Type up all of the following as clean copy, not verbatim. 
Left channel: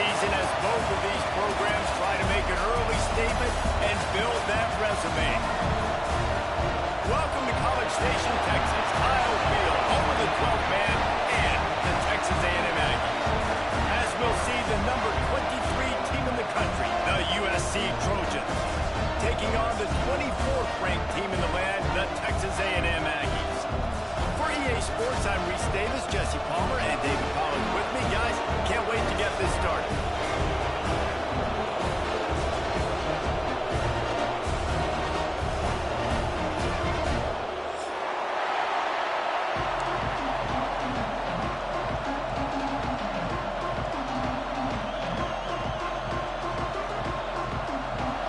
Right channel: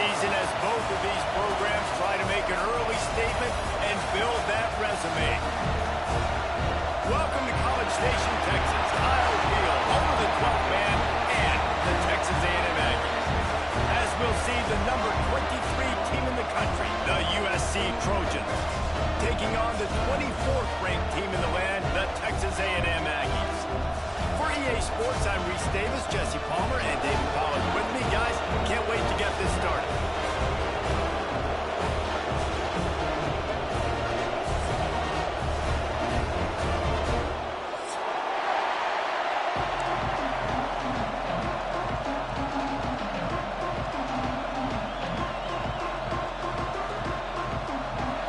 season as both of these programs try to make an early statement and build that resume. Welcome to College Station, Texas, Kyle Field, home of the 12th man and the Texas A&M Aggies. As we'll see, the number 23 team in the country, the USC Trojans, taking on the 24th ranked team in the land, the Texas A&M Aggies. For EA Sports, I'm Reese Davis, Jesse Palmer, and David Pollack with me. Guys, can't wait to get this started.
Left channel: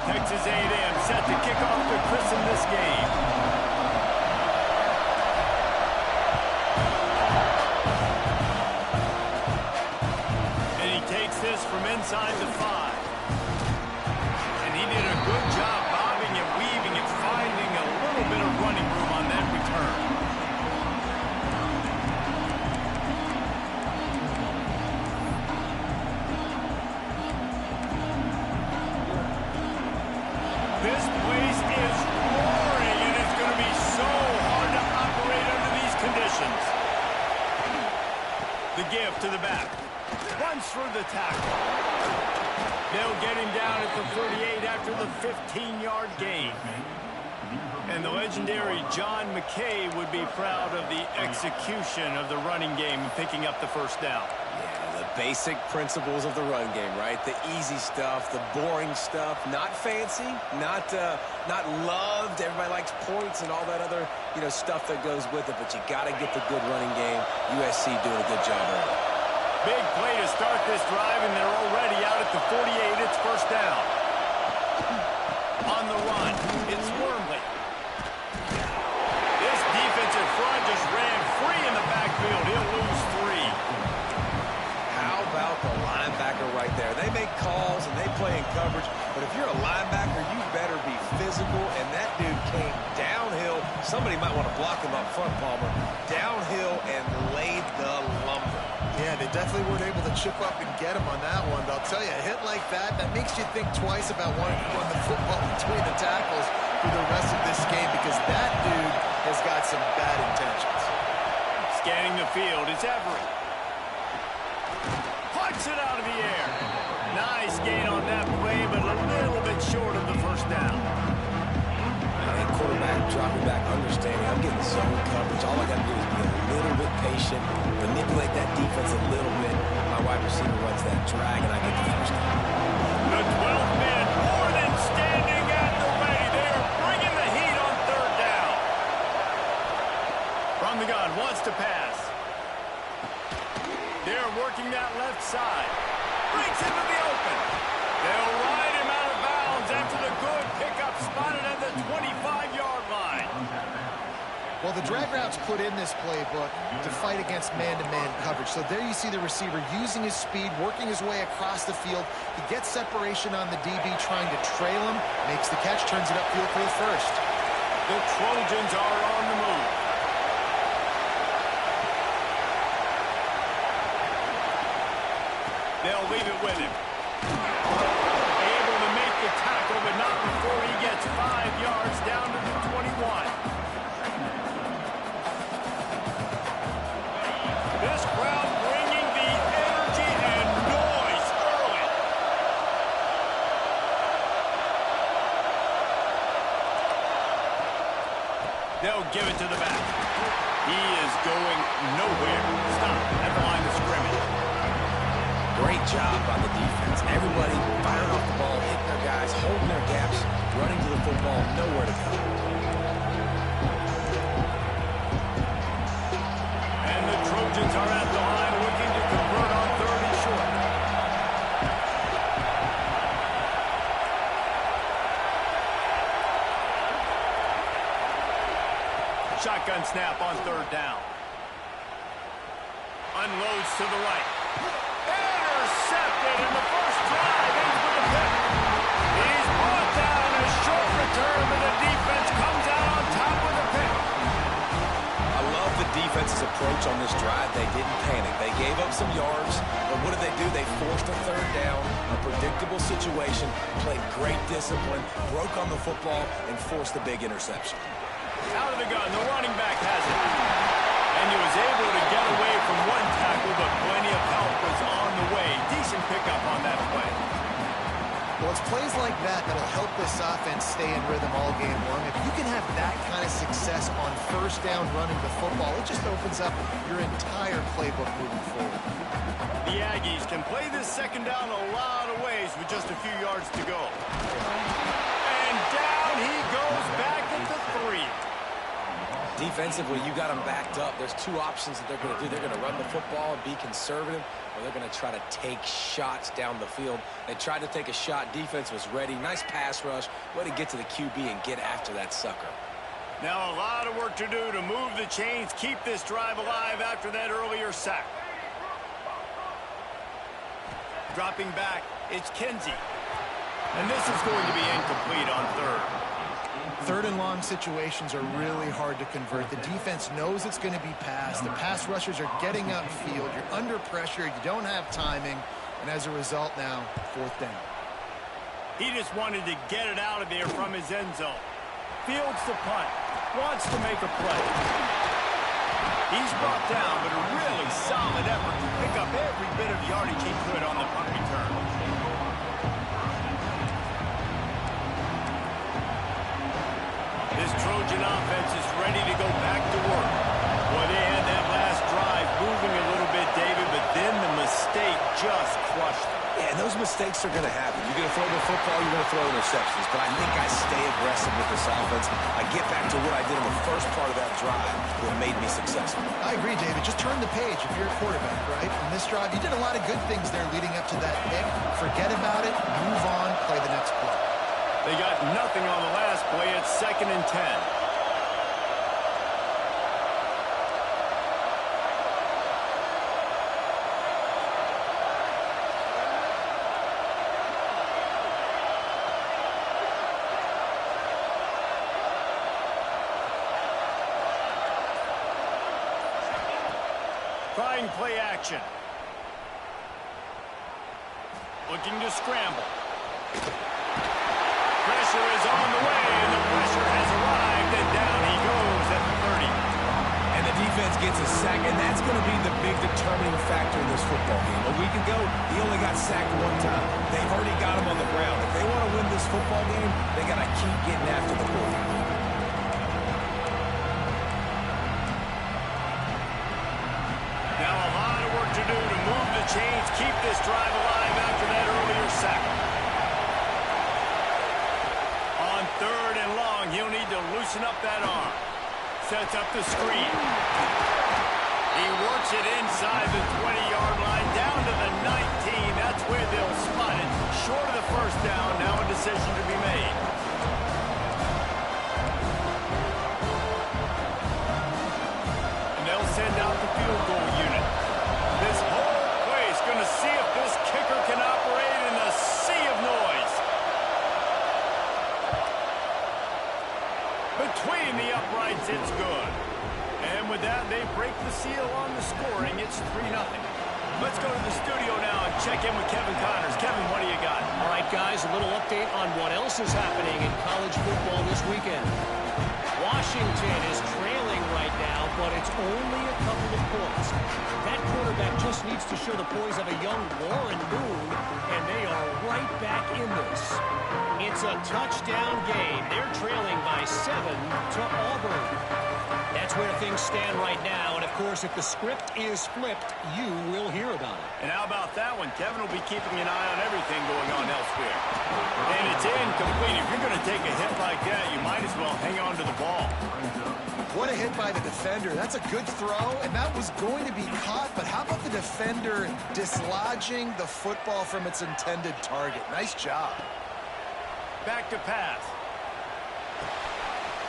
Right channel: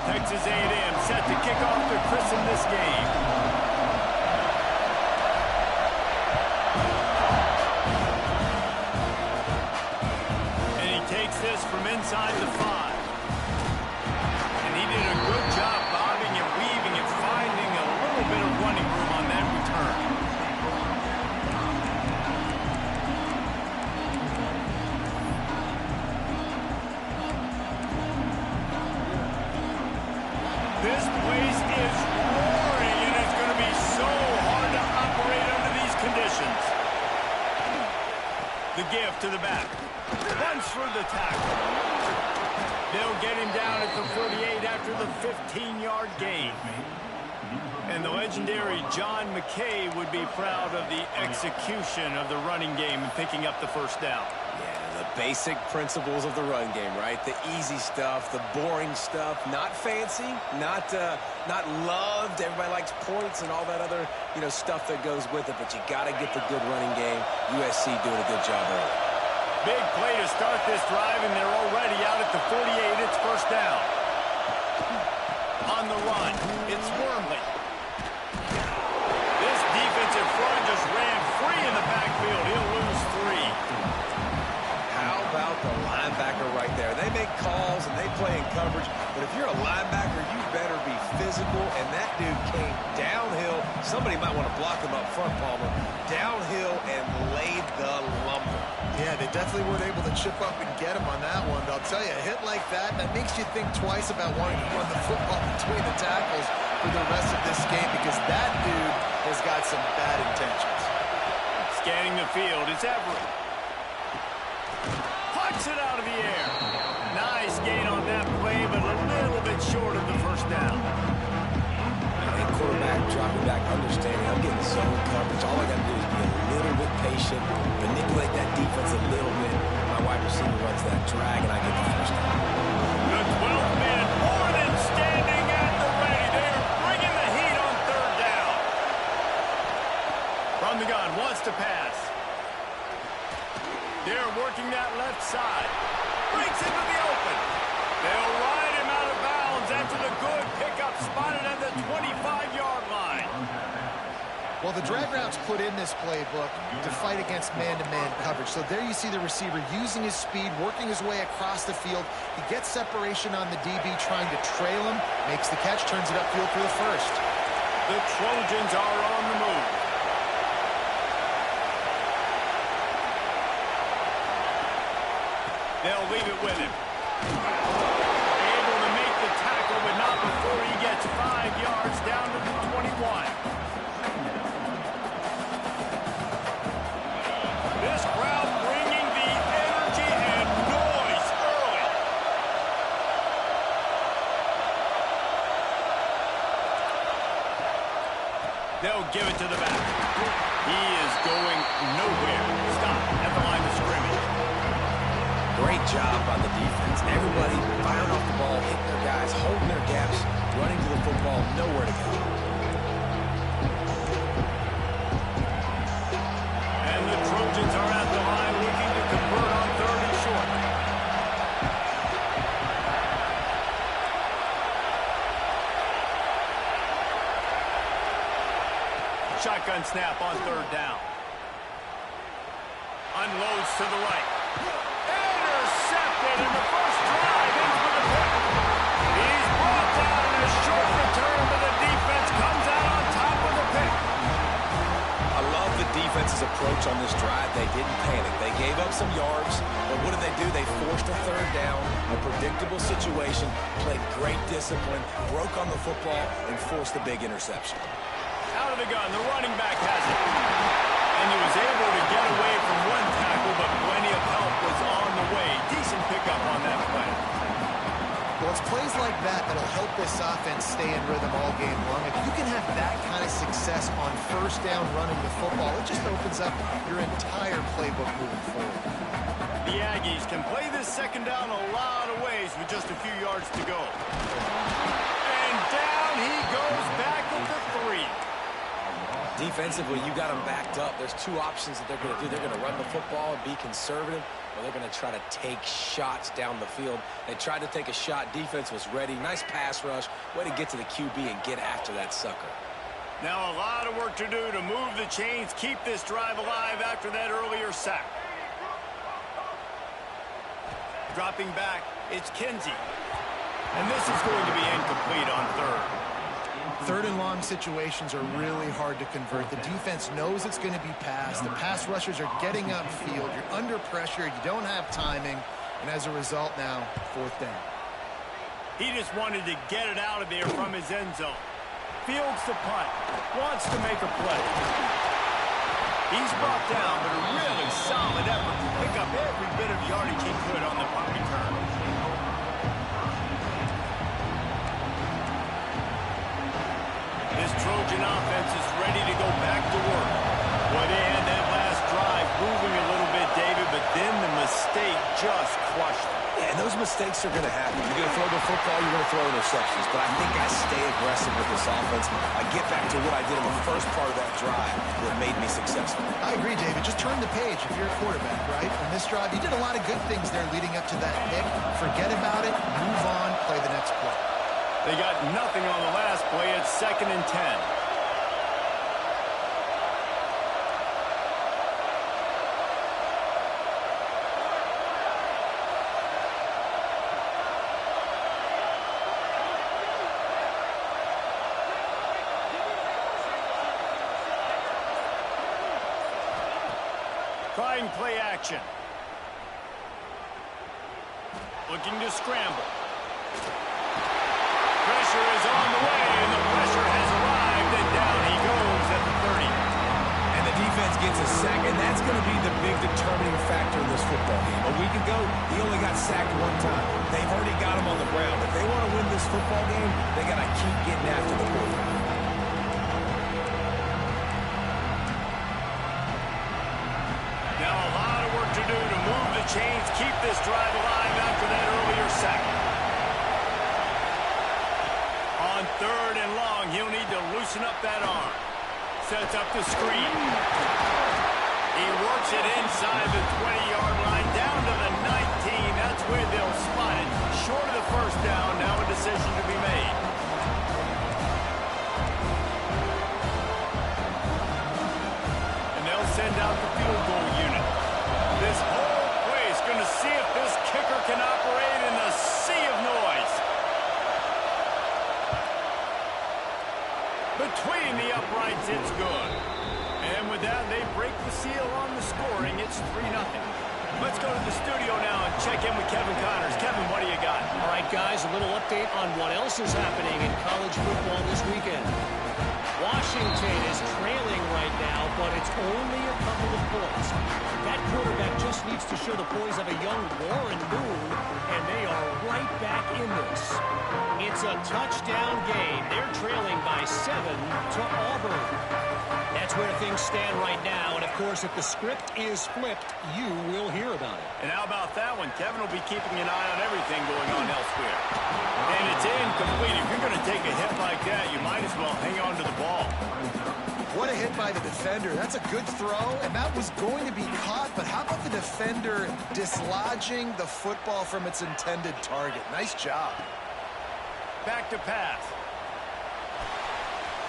Texas A&M set to kick off to christen this game. Takes this from inside the 5. And he did a good job bobbing and weaving and finding a little bit of running room on that return. This place is roaring, and it's going to be so hard to operate under these conditions. The give to the back. Runs through the tackle. They'll get him down at the 38 after the 15-yard gain. And the legendary John McKay would be proud of the execution of the running game and picking up the first down. Yeah, the basic principles of the run game, right? The easy stuff, the boring stuff, not fancy, not loved. Everybody likes points and all that other, stuff that goes with it, but you got to get the good running game. USC doing a good job early. Big play to start this drive, and they're already out at the 48. It's first down. On the run, it's Wormley. This defensive front just ran free in the backfield. He'll lose 3. How about the linebacker right there? They make calls and they play in coverage, but if you're a linebacker, you better be physical, and that dude came downhill. Somebody might want to block him up front, Palmer. Downhill and laid the lumber. Yeah, they definitely weren't able to chip up and get him on that one. But I'll tell you, a hit like that makes you think twice about wanting to run the football between the tackles for the rest of this game, because that dude has got some bad intentions. Scanning the field, it's Everett. Punts it out of the air. Nice gain on that play, but a little bit short of the first down. And quarterback dropping back, understanding I'm getting zone coverage. All I got to do is be a little bit patient, manipulate that defense a little bit. My wide receiver runs that drag, and I get the first down. The 12th man, Warden, standing at the ready. They are bringing the heat on third down. From the gun, wants to pass. They're working that left side. Breaks into the open. They'll ride him out of bounds after the good pickup, spotted at the 25-yard line. Well, the drag route's put in this playbook to fight against man-to-man coverage. So there you see the receiver using his speed, working his way across the field. He gets separation on the DB, trying to trail him, makes the catch, turns it upfield for the first. The Trojans are on the move. They'll leave it with him. Able to make the tackle, but not before he gets 5 yards down to the 21. This crowd bringing the energy and noise early. They'll give it to the back. He is going nowhere. Stop at the line of scrimmage. Great job by the defense. Everybody firing off the ball, hitting their guys, holding their gaps, running to the football, nowhere to go. And the Trojans are at the line looking to convert on 3rd and short. Shotgun snap on 3rd down. Unloads to the right. Intercepted in the first drive, ends with a pick. He's brought down a short return, but the defense comes out on top with a pick. I love the defense's approach on this drive. They didn't panic. They gave up some yards, but what did they do? They forced a third down, a predictable situation, played great discipline, broke on the football, and forced the big interception. Out of the gun, the running back has it. And he was able to get away from one tackle, but plenty of help was on the way. Decent pickup on that play. Well, it's plays like that that'll help this offense stay in rhythm all game long. If you can have that kind of success on first down running the football, it just opens up your entire playbook moving forward. The Aggies can play this second down a lot of ways with just a few yards to go. And down he goes back at the 3. Defensively, you got them backed up. There's two options that they're going to do. They're going to run the football and be conservative, or they're going to try to take shots down the field. They tried to take a shot. Defense was ready. Nice pass rush. Way to get to the QB and get after that sucker. Now a lot of work to do to move the chains, keep this drive alive after that earlier sack. Dropping back, it's Kinsey. And this is going to be incomplete on third. Third and long situations are really hard to convert. The defense knows it's going to be passed. The pass rushers are getting upfield. You're under pressure. You don't have timing. And as a result now, fourth down. He just wanted to get it out of there from his end zone. Fields the punt. Wants to make a play. He's brought down, but a really solid effort to pick up every bit of yardage he could on the punt return. This Trojan offense is ready to go back to work. Well, they had that last drive moving a little bit, David, but then the mistake just crushed them. Yeah, and those mistakes are going to happen. You're going to throw the football, you're going to throw interceptions. But I think I stay aggressive with this offense. I get back to what I did in the first part of that drive that made me successful. I agree, David. Just turn the page if you're a quarterback, right? On this drive, you did a lot of good things there leading up to that pick. Forget about it, move on, play the next play. They got nothing on the last play. It's 2nd and 10. Trying play action. Looking to scramble. Pressure is on the way, and the pressure has arrived, and down he goes at the 30. And the defense gets a sack, and that's going to be the big determining factor in this football game. A week ago, he only got sacked one time. They've already got him on the ground. If they want to win this football game, they got to keep getting after the quarterback. Now a lot of work to do to move the chains, keep this drive alive after that earlier sack. On 3rd and long, he'll need to loosen up that arm. Sets up the screen. He works it inside the 20-yard line, down to the 19. That's where they'll spot it. Short of the first down, now a decision to be made. And they'll send out the field goal unit. This whole place going to see if this kicker can operate in the sea of noise. Between the uprights, it's good. And with that, they break the seal on the scoring. It's 3-0. Let's go to the studio now and check in with Kevin Connors. Kevin, what do you got? All right, guys, a little update on what else is happening in college football this weekend. Washington is trailing right now, but it's only a couple of points. That quarterback just needs to show the poise of a young Warren Moon, and they are right back in this. It's a touchdown game. They're trailing by 7 to Auburn. That's where things stand right now, and of course, if the script is flipped, you will hear about it. And how about that one? Kevin will be keeping an eye on everything going on elsewhere. And it's incomplete. If you're going to take a hit like that, you might as well hang on to the ball. What a hit by the defender. That's a good throw, and that was going to be caught, but how about the defender dislodging the football from its intended target? Nice job. Back to pass.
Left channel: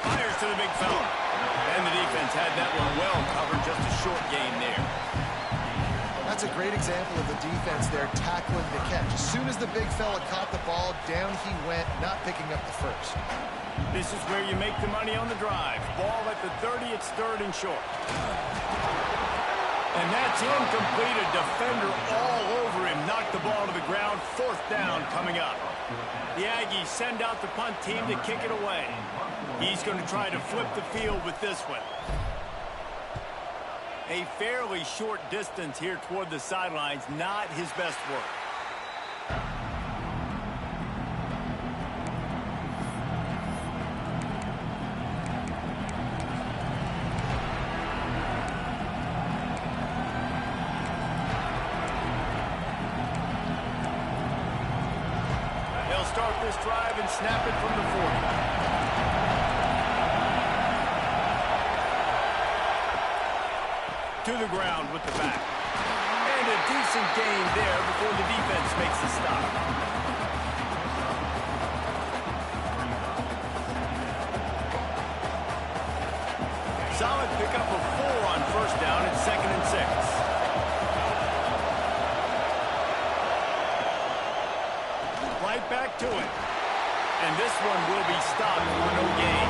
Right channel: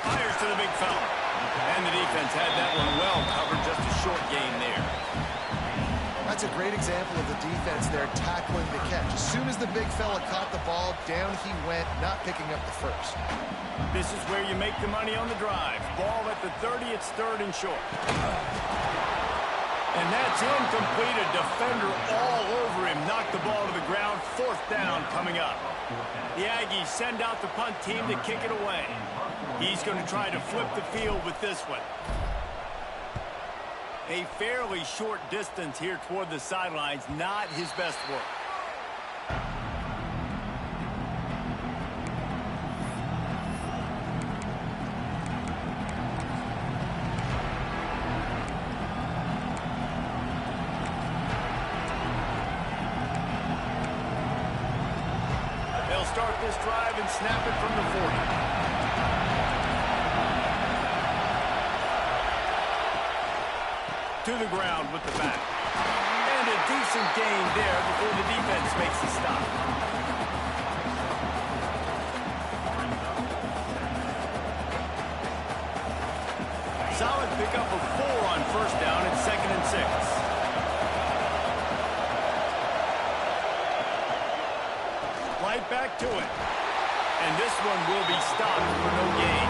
Fires to the big fella. And the defense had that one well covered, just a short gain there. That's a great example of the defense there tackling the catch. As soon as the big fella caught the ball, down he went, not picking up the first. This is where you make the money on the drive. Ball at the 30, it's 3rd and short. And that's incomplete. A defender all over him. Knocked the ball to the ground. 4th down coming up. The Aggies send out the punt team to kick it away. He's going to try to flip the field with this one. A fairly short distance here toward the sidelines. Not his best work. They'll start this drive and snap it from the 40. To the ground with the back. And a decent gain there before the defense makes the stop. Solid pickup of 4 on 1st down. It's 2nd and 6. Right back to it. And this one will be stopped for no gain.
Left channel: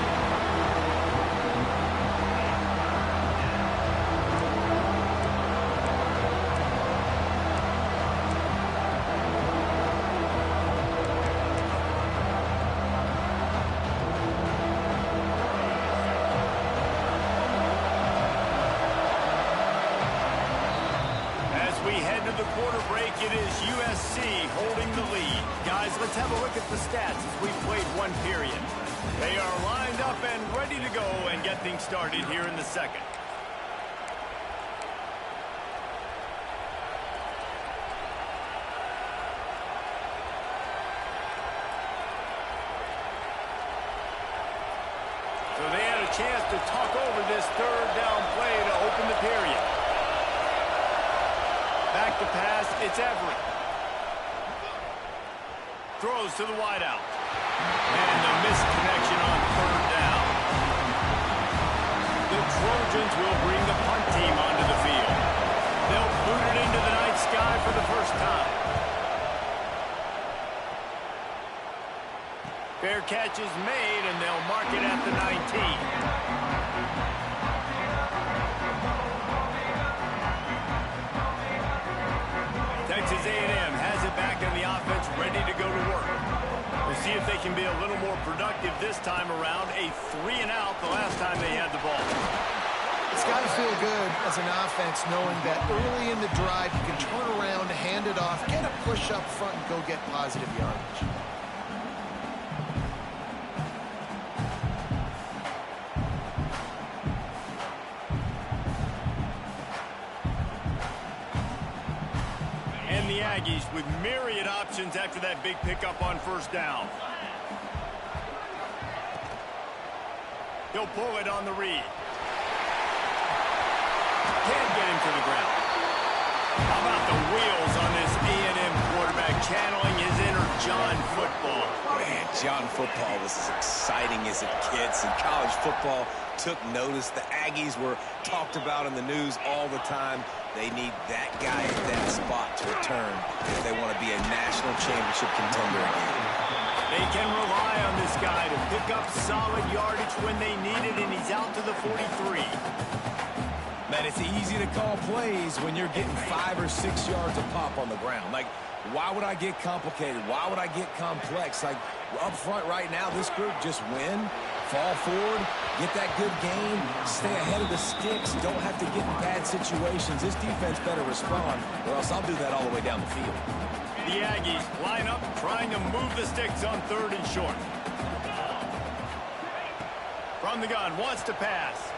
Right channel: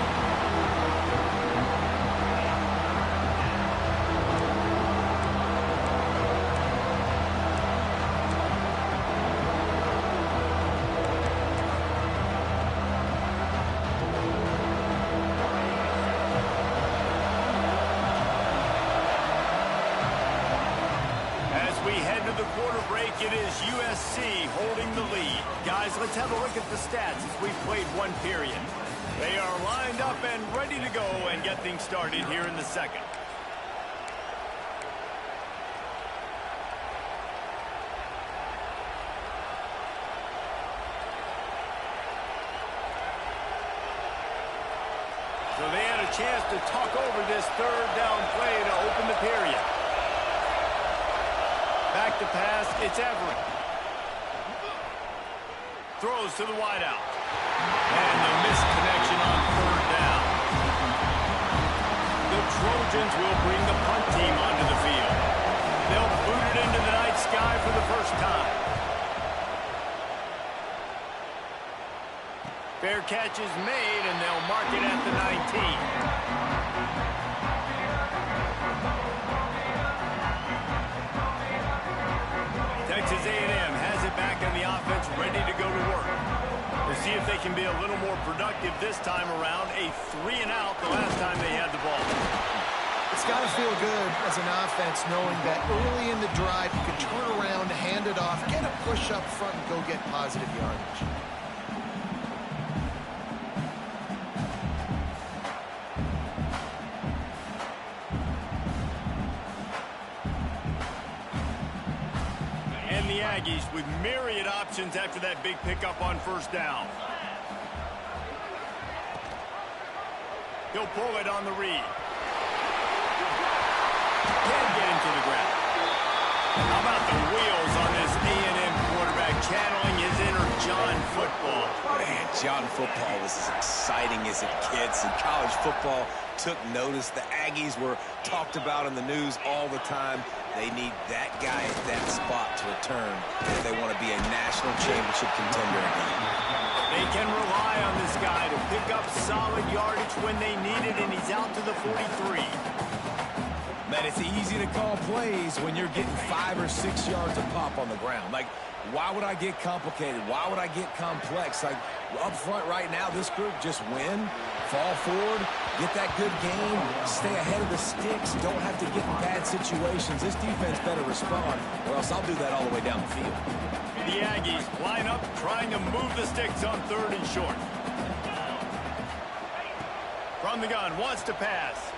It is USC holding the lead. Guys, let's have a look at the stats as we've played 1 period. They are lined up and ready to go and get things started here in the 2nd. So they had a chance to talk over this 3rd down play to open the period. Back to pass, it's Everett. Throws to the wideout. And the missed connection on 3rd down. The Trojans will bring the punt team onto the field. They'll boot it into the night sky for the first time. Fair catch is made, and they'll mark it at the 19. Texas A&M has it back on the offense, ready to go to work. We'll see if they can be a little more productive this time around. A 3-and-out the last time they had the ball. It's got to feel good as an offense knowing that early in the drive you can turn around, hand it off, get a push up front, and go get positive yardage. And the Aggies with myriad options after that big pickup on 1st down. He'll pull it on the read. Can't get him to the ground. How about the wheels on this A&M quarterback channeling his inner John football? Man, John football was as exciting as it gets, and college football took notice. The Aggies were talked about in the news all the time. They need that guy at that spot to return if they want to be a national championship contender again. They can rely on this guy to pick up solid yardage when they need it, and he's out to the 43. Man, it's easy to call plays when you're getting 5 or 6 yards a pop on the ground. Like, why would I get complicated? Why would I get complex? Like, up front right now, this group just win, fall forward, get that good gain, stay ahead of the sticks, don't have to get in bad situations. This defense better respond, or else I'll do that all the way down the field. The Aggies line up, trying to move the sticks on 3rd and short. From the gun, wants to pass.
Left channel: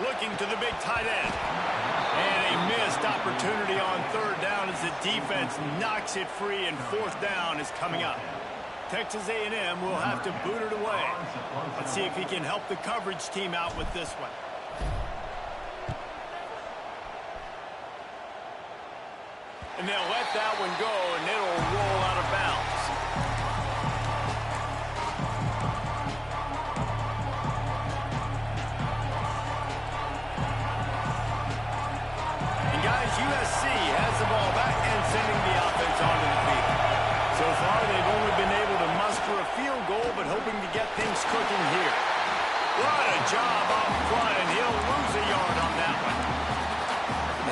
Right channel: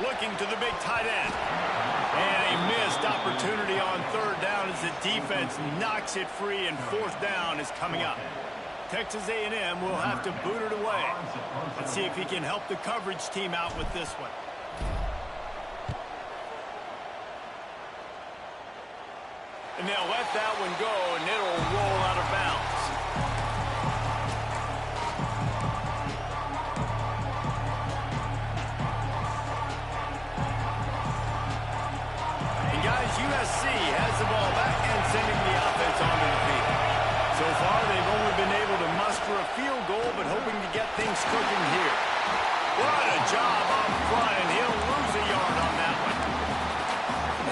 Looking to the big tight end. And a missed opportunity on 3rd down as the defense knocks it free, and 4th down is coming up. Texas A&M will have to boot it away. Let's see if he can help the coverage team out with this one. And they'll let that one go, and it'll roll out of bounds. And guys, USC has the ball back and sending the offense onto the field. So far, they've only been able to muster a field goal, but hoping to get things cooking here. What a job up front, and he'll lose a yard on that one.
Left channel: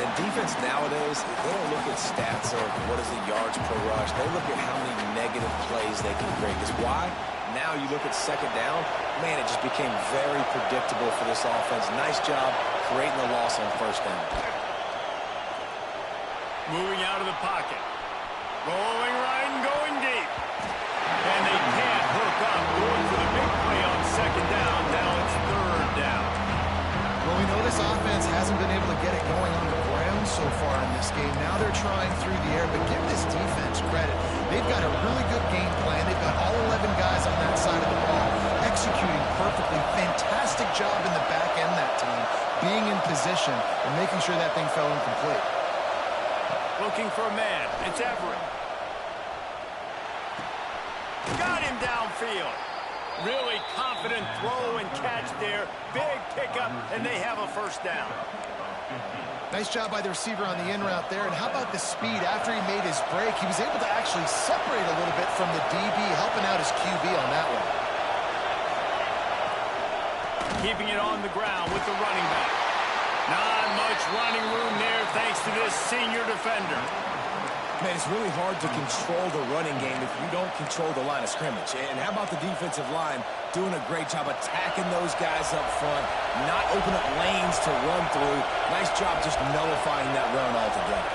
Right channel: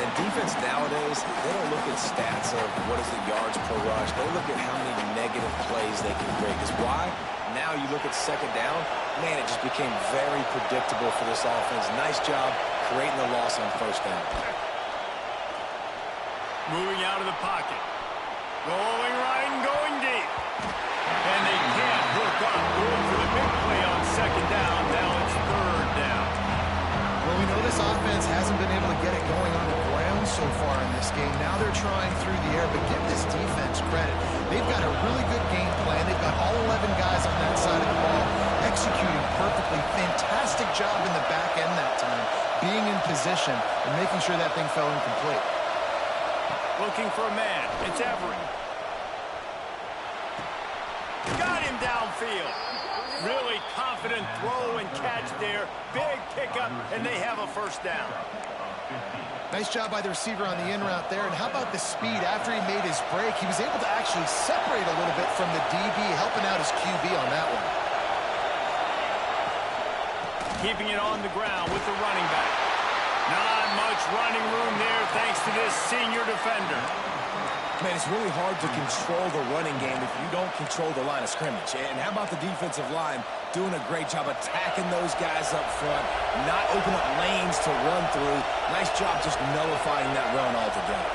And defense nowadays, they don't look at stats of what is the yards per rush. They look at how many negative plays they can create. Because why? Now you look at second down, man, it just became very predictable for this offense. Nice job creating the loss on first down. Moving out of the pocket. Rolling right and going deep. And they can't hook up. Going for the big play on second down. Now it's third down. Well, we know this offense hasn't been able to get it going on the ground so far in this game. Now they're trying through the air, but give this defense credit. They've got a really good game plan. They've got all 11 guys on that side of the ball executing perfectly. Fantastic job in the back end that time, being in position and making sure that thing fell incomplete. Looking for a man. It's Everett. Got him downfield. Really confident throw and catch there. Big pickup, and they have a first down. Nice job by the receiver on the in route there. And how about the speed? After he made his break, he was able to actually separate a little bit from the DB, helping out his QB on that one. Keeping it on the ground with the running back. Not much running room there thanks to this senior defender. Man, it's really hard to control the running game if you don't control the line of scrimmage. And how about the defensive line doing a great job attacking those guys up front, not open up lanes to run through. Nice job just nullifying that run altogether.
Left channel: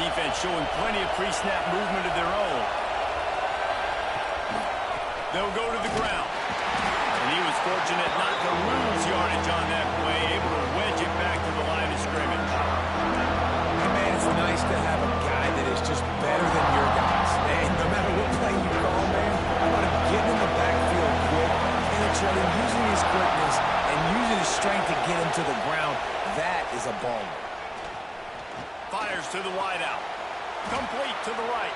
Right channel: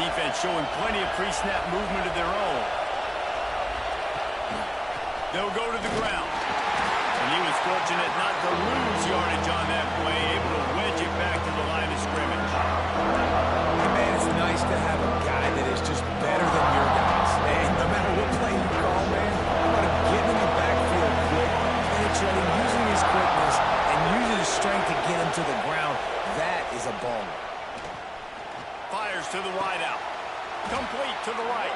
Defense showing plenty of pre-snap movement of their own. They'll go to the ground. And he was fortunate not to lose yardage on that play, able to wedge it back to the line of scrimmage. And man, it's nice to have a guy that is just better than your guys. And no matter what play you call, man, how about him getting in the backfield quick, penetrating, using his quickness, and using his strength to get him to the ground. That is a baller. Fires to the wideout. Complete to the right.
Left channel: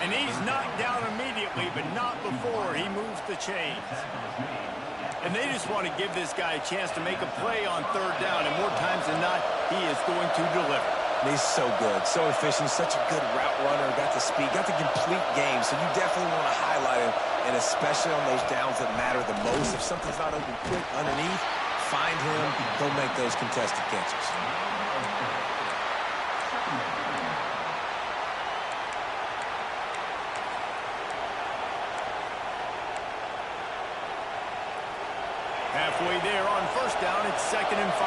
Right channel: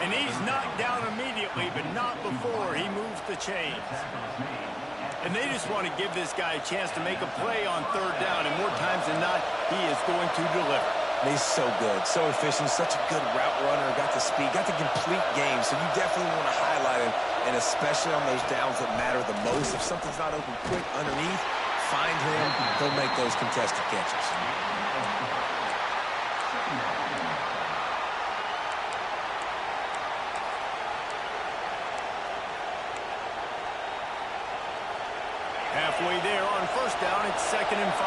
And he's knocked down immediately, but not before he moves the chains. And they just want to give this guy a chance to make a play on third down, and more times than not, he is going to deliver. He's so good, so efficient, such a good route runner, got the speed, got the complete game, so you definitely want to highlight him, and especially on those downs that matter the most. If something's not open quick underneath, find him, he'll make those contested catches. Halfway there on first down, it's 2nd and 5.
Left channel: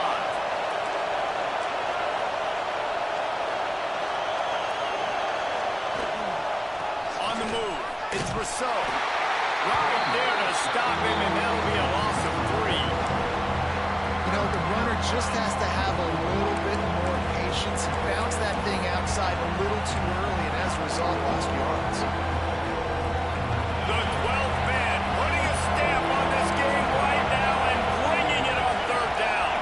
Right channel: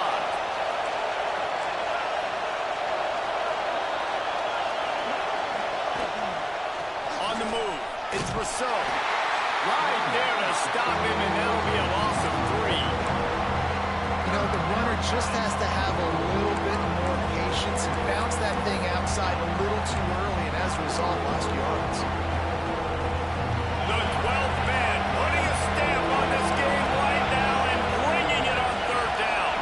On the move, it's Rousseau. Right there to stop him, and that'll be a loss of 3. You know, the runner just has to have a little bit more patience. He bounced that thing outside a little too early, and as a result, lost yards. The 12th man putting a stamp on this game right now and bringing it on third down.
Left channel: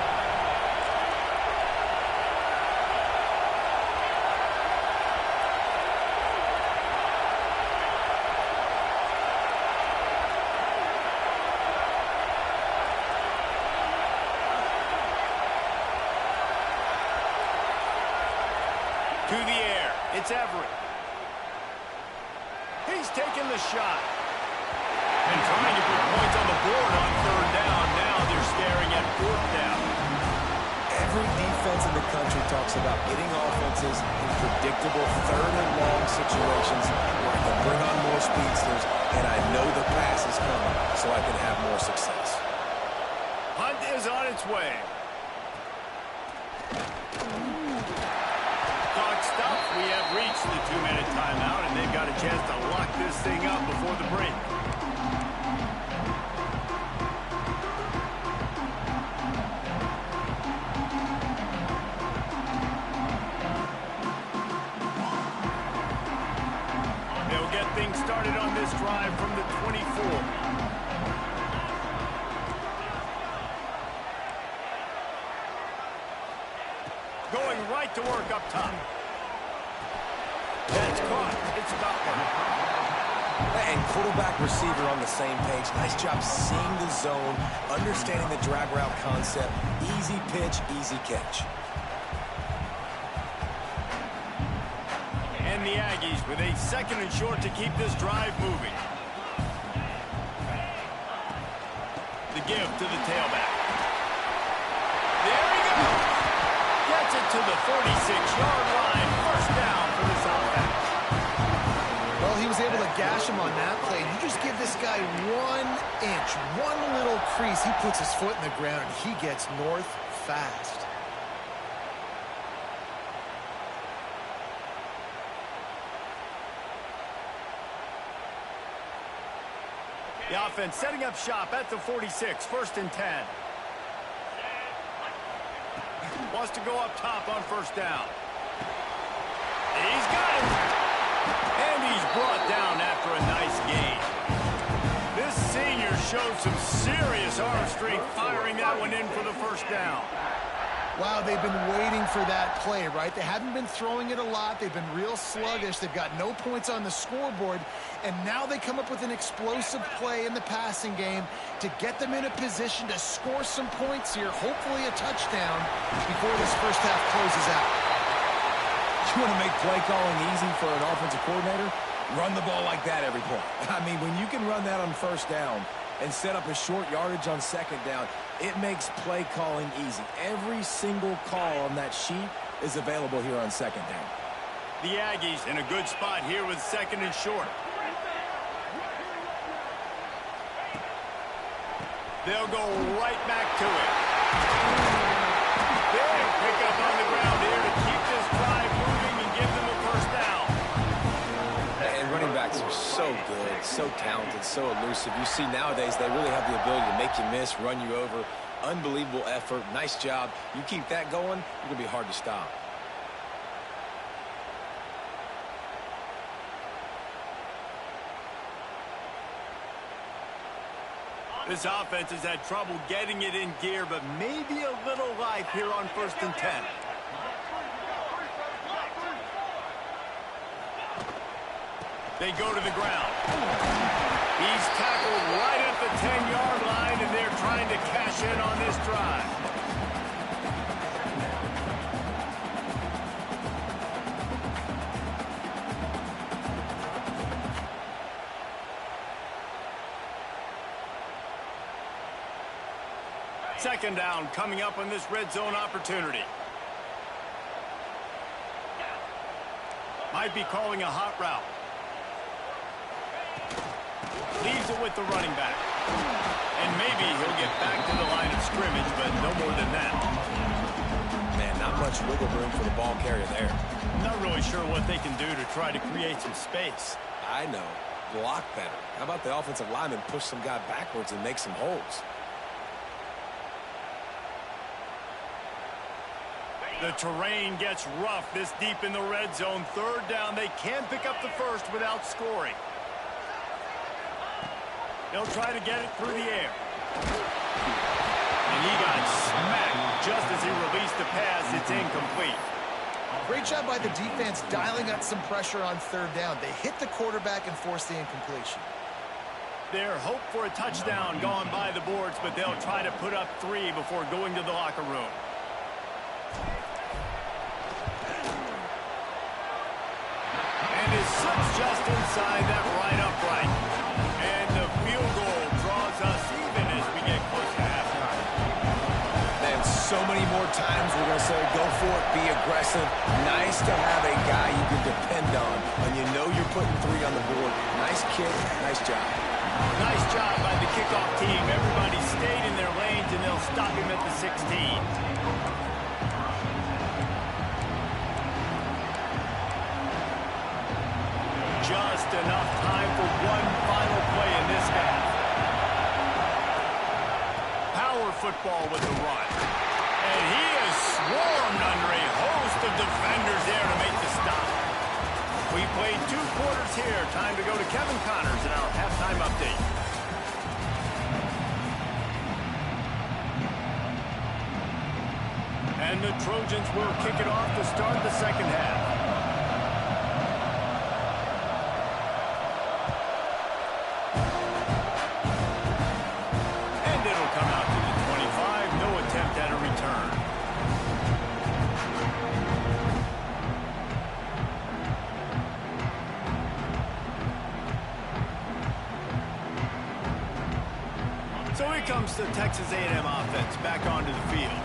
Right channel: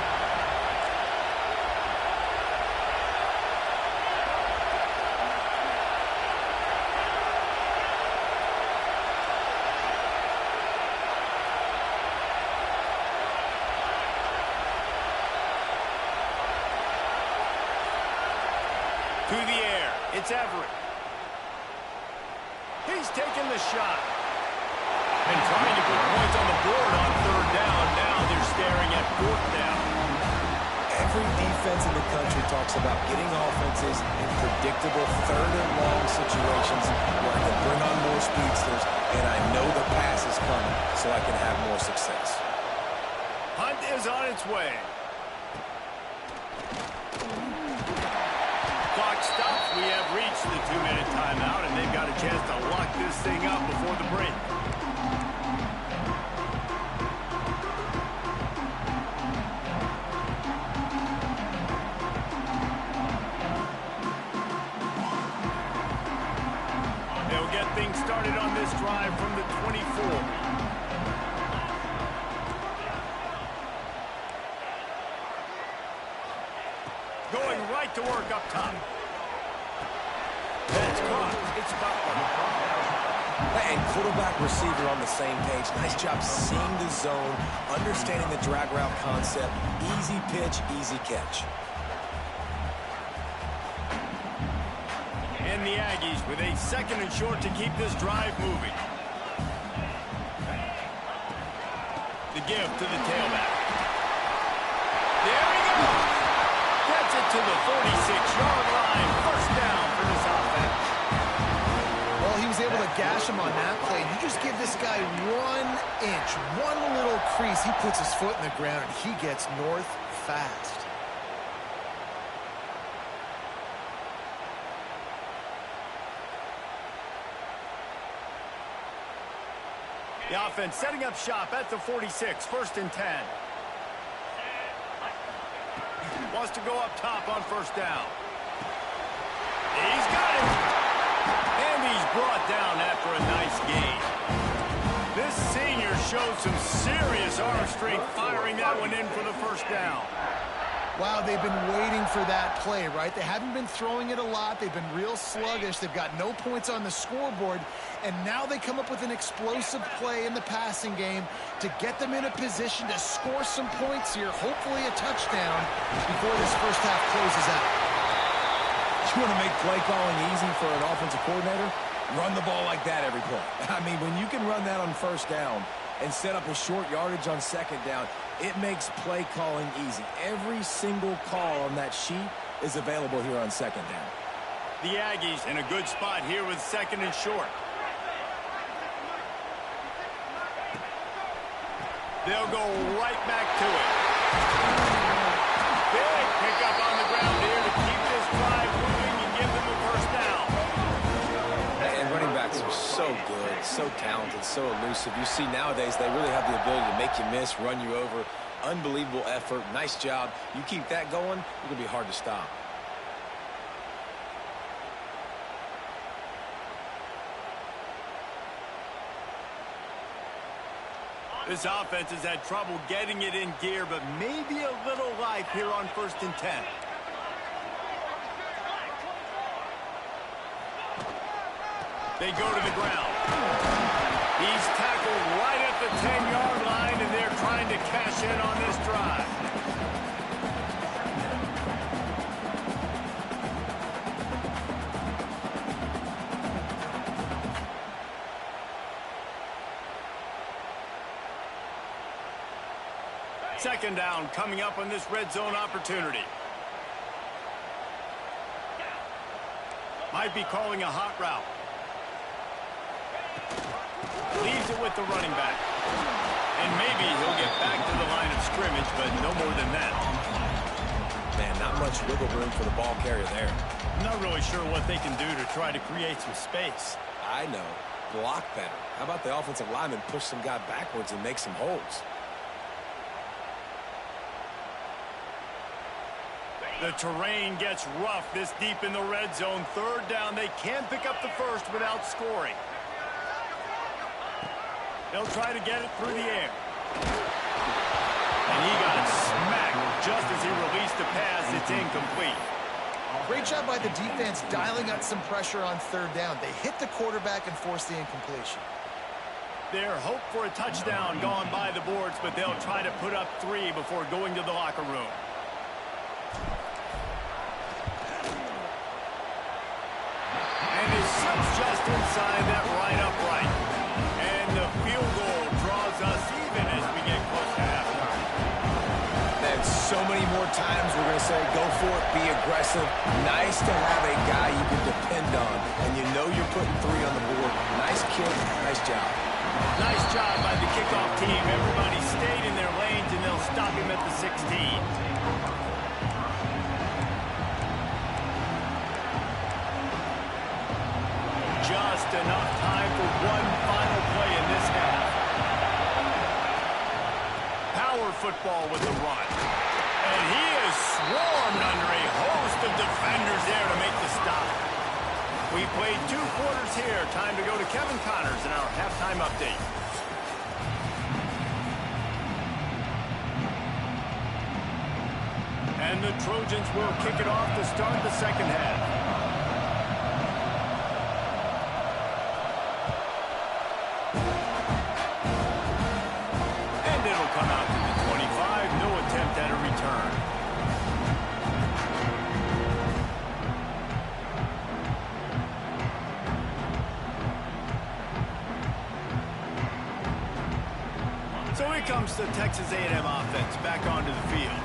To the air, it's Everett. He's taking the shot. And trying to put points on the board on third down. Now they're staring at 4th down. Every defense in the country talks about getting offenses in predictable third and long situations where I can bring on more speedsters and I know the pass is coming so I can have more success. Hunt is on its way. Clock stops. We have reached the 2-minute timeout, and they've got a chance to lock this thing up before the break. They'll get things started on this drive from the 24. Going right to work up top. That's caught. It's Butler. And quarterback receiver on the same page. Nice job seeing the zone, understanding the drag route concept. Easy pitch, easy catch. And the Aggies with a 2nd and short to keep this drive moving. The give to the tailback. There he goes. Gets it to the 46-yard line. 1st down for this offense. Well, he was able to gash him on that play. You just give this guy 1 inch, one little crease. He puts his foot in the ground, and he gets north fast. The offense setting up shop at the 46, 1st and 10. Wants to go up top on 1st down. He's got it. And he's brought down after a nice gain. This senior shows some serious arm strength firing that one in for the 1st down. Wow, they've been waiting for that play, right? They haven't been throwing it a lot. They've been real sluggish. They've got no points on the scoreboard. And now they come up with an explosive play in the passing game to get them in a position to score some points here, hopefully a touchdown, before this 1st half closes out. You want to make play calling easy for an offensive coordinator? Run the ball like that every play. I mean, when you can run that on 1st down and set up a short yardage on 2nd down, it makes play calling easy. Every single call on that sheet is available here on 2nd down. The Aggies in a good spot here with 2nd and short. They'll go right back to it. Big pickup on the ground here to keep this drive moving and give them a 1st down. And running backs are so good, so talented, so elusive. You see nowadays they really have the ability to make you miss, run you over. Unbelievable effort. Nice job. You keep that going, you're going to be hard to stop. This offense has had trouble getting it in gear, but maybe a little life here on 1st and 10. They go to the ground. He's tackled right at the 10-yard line, and they're trying to cash in on this drive. Second down coming up on this red zone opportunity. Might be calling a hot route. Leaves it with the running back. And maybe he'll get back to the line of scrimmage, but no more than that. Man, not much wiggle room for the ball carrier there. Not really sure what they can do to try to create some space. I know. Block better. How about the offensive lineman push some guy backwards and make some holes? The terrain gets rough this deep in the red zone. 3rd down. They can't pick up the 1st without scoring. They'll try to get it through the air. And he got smacked just as he released the pass. It's incomplete. Great job by the defense dialing up some pressure on 3rd down. They hit the quarterback and forced the incompletion. Their hope for a touchdown gone by the boards, but they'll try to put up 3 before going to the locker room. And his slip's just inside that right upright. And the field goal draws us even as we get close to halftime. Man, so many more times we're going to say, go for it, be aggressive. Nice to have a guy you can depend on, and you know you're putting 3 on the board. Nice kick, nice job. Nice job by the kickoff team. Everybody stayed in their lanes, and they'll stop him at the 16. Just enough time for one final play in this half. Power football with the run. And he is swarmed under a host of defenders there to make the stop. We played 2 quarters here. Time to go to Kevin Connors in our halftime update. And the Trojans will kick it off to start the 2nd half. Come out to the 25. No attempt at a return. the Texas A&M offense back onto the field.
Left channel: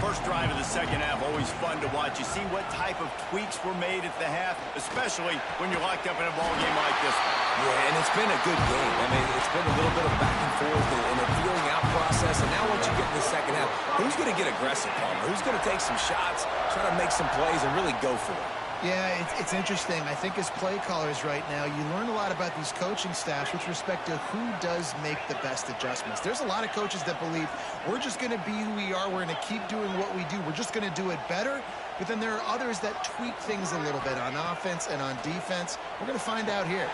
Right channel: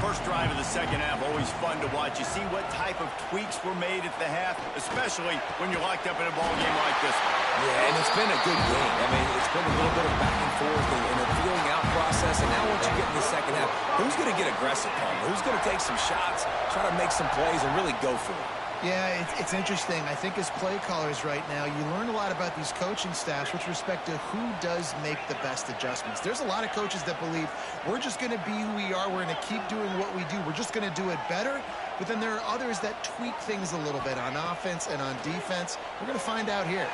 First drive of the second half, always fun to watch. You see what type of tweaks were made at the half, especially when you're locked up in a ball game like this one. Yeah, and it's been a good game. I mean, it's been a little bit of back and forth and a feeling out process. And now once you get in the second half, who's going to get aggressive, Palmer? Who's going to take some shots, try to make some plays, and really go for it? Yeah, it's interesting. I think as play callers right now, you learn a lot about these coaching staffs with respect to who does make the best adjustments. There's a lot of coaches that believe we're just going to be who we are. We're going to keep doing what we do. We're just going to do it better. But then there are others that tweak things a little bit on offense and on defense. We're going to find out here.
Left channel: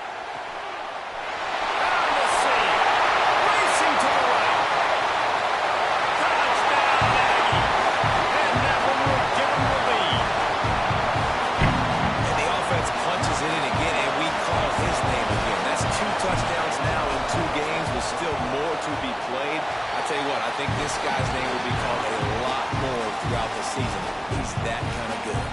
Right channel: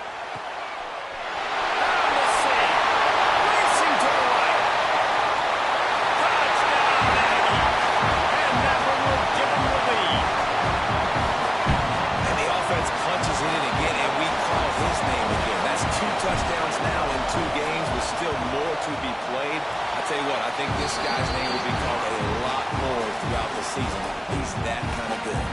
Down the seam. Racing to the right. Touchdown, Aggie. And that one will give them the lead. Punches it in again, and we call his name again. That's 2 touchdowns now in 2 games with still more to be played. I tell you what, I think this guy's name will be called a lot more throughout the season. He's that kind of good.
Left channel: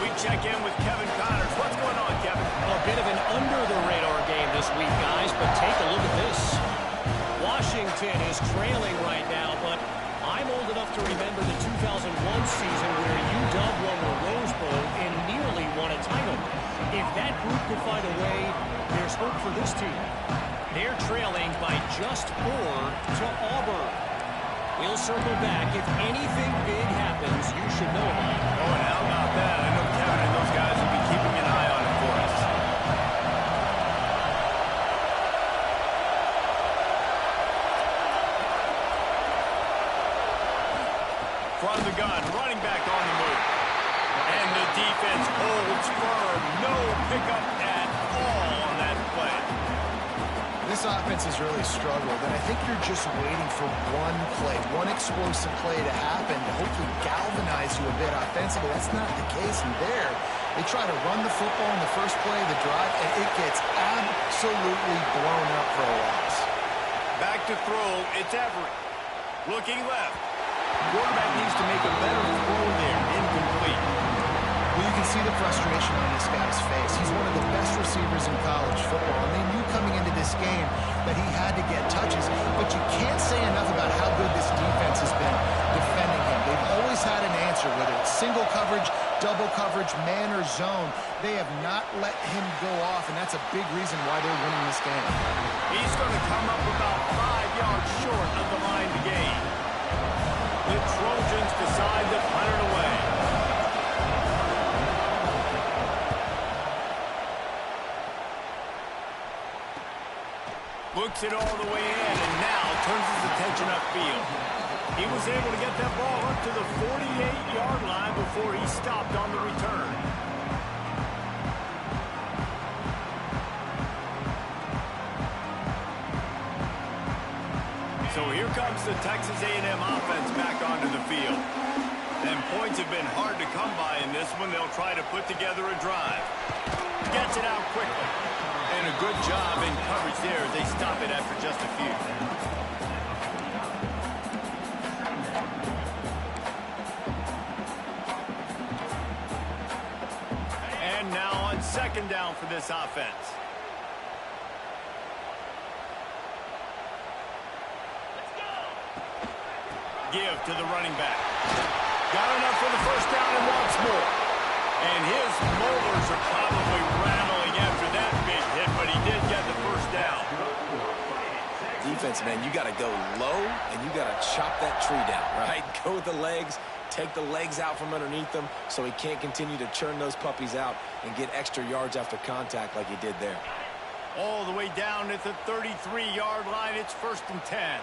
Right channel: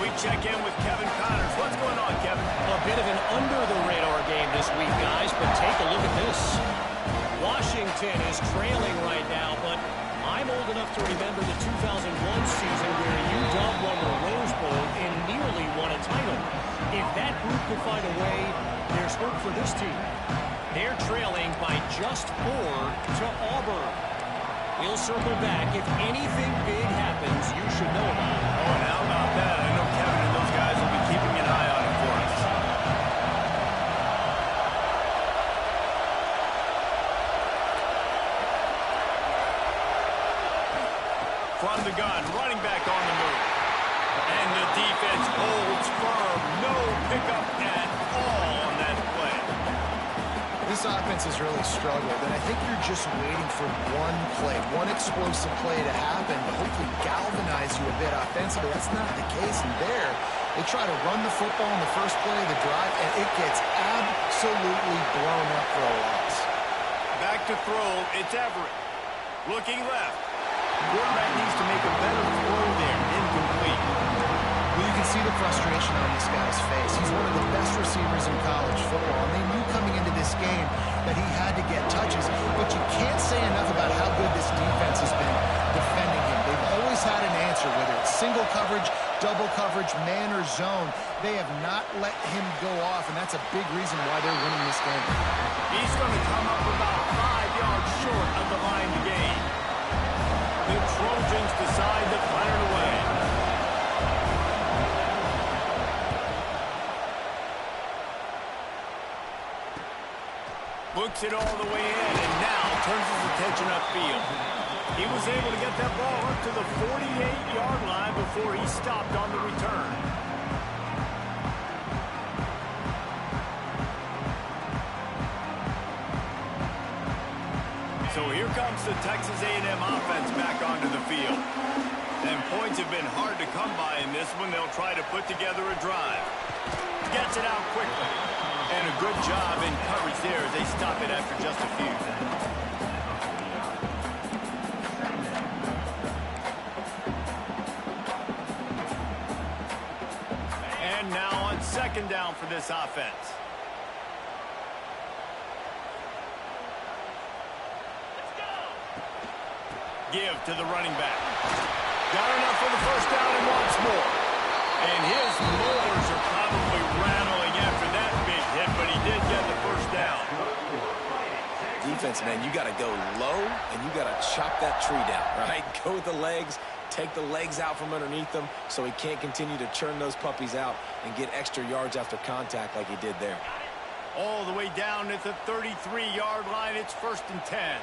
We check in with Kevin Connors. What's going on, Kevin? A bit of an under-the-radar game this week, guys, but take a look at this. Washington is trailing right now, but I'm old enough to remember the 2001 season where UW won the Rose Bowl and nearly won a title. If that group could find a way, there's hope for this team. They're trailing by just 4 to Auburn. We'll circle back. If anything big happens, you should know about it. Oh, and how about that? I know Kevin and those guys will be keeping an eye on it for us. From the gun, running back on the move. And the defense holds firm. No pickup at all on that play. This offense has really struggled, and I think you're just waiting for one play, one explosive play to happen to hopefully galvanize you a bit offensively. That's not the case, and there, they try to run the football in the first play of the drive, and it gets absolutely blown up for a loss. Back to throw, it's Everett. Looking left. Quarterback needs to make a better throw there. Incomplete. Well, you can see the frustration on this guy's face. He's one of the best receivers in college football, and they knew coming into this game that he had to get touches, but you can't say enough about how good this defense has been defending him. They've always had an answer, whether it's single coverage, double coverage, man or zone. They have not let him go off, and that's a big reason why they're winning this game. He's going to come up about 5 yards short of the line to gain. The Trojans decide to punt it away. Books it all the way in and now turns his attention upfield. He was able to get that ball up to the 48-yard line before he stopped on the return. So here comes the Texas A&M offense back onto the field. And points have been hard to come by in this one. They'll try to put together a drive. Gets it out quickly. And a good job in coverage there as they stop it after just a few. And now on second down for this offense. Give to the running back. Got enough for the first down and wants more. And his molars are probably rattling after that big hit, but he did get the first down. Defense, man, you got to go low, and you got to chop that tree down, right? Go with the legs, take the legs out from underneath them so he can't continue to churn those puppies out and get extra yards after contact like he did there. All the way down at the 33-yard line, it's 1st and 10.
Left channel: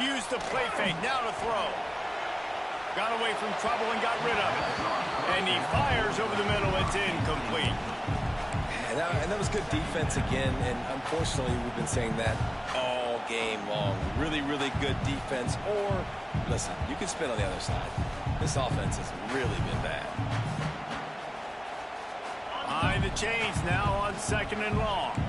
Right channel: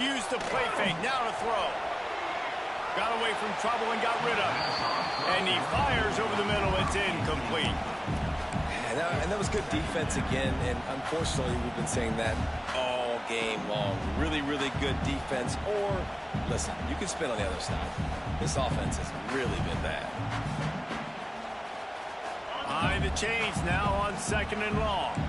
Used the play fake, now to throw. Got away from trouble and got rid of it. And he fires over the middle, it's incomplete. And that was good defense again, and unfortunately we've been saying that all game long. Really, really good defense, or, listen, you can spin on the other side. This offense has really been bad. Behind the chains now on 2nd and long.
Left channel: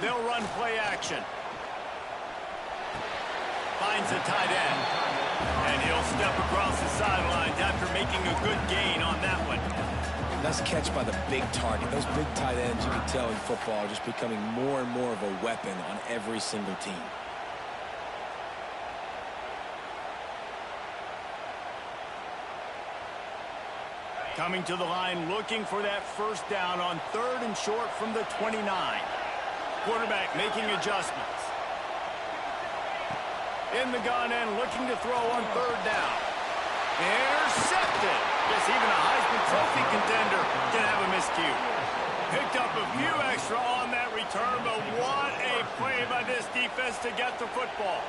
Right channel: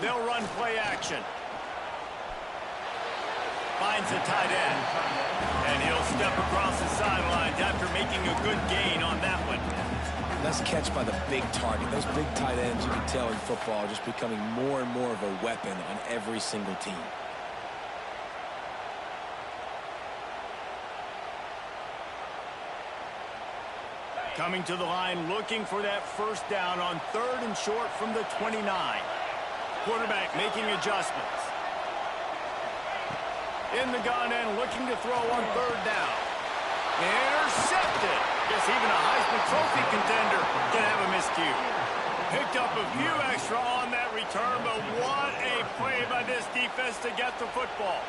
They'll run play action. Finds the tight end. And he'll step across the sidelines after making a good gain on that one. Nice catch by the big target. Those big tight ends, you can tell in football, are just becoming more and more of a weapon on every single team. Coming to the line, looking for that first down on 3rd and short from the 29. Quarterback making adjustments. In the gun and looking to throw on 3rd down. Intercepted. Guess even a Heisman Trophy contender can have a miscue. Picked up a few extra on that return, but what a play by this defense to get the football.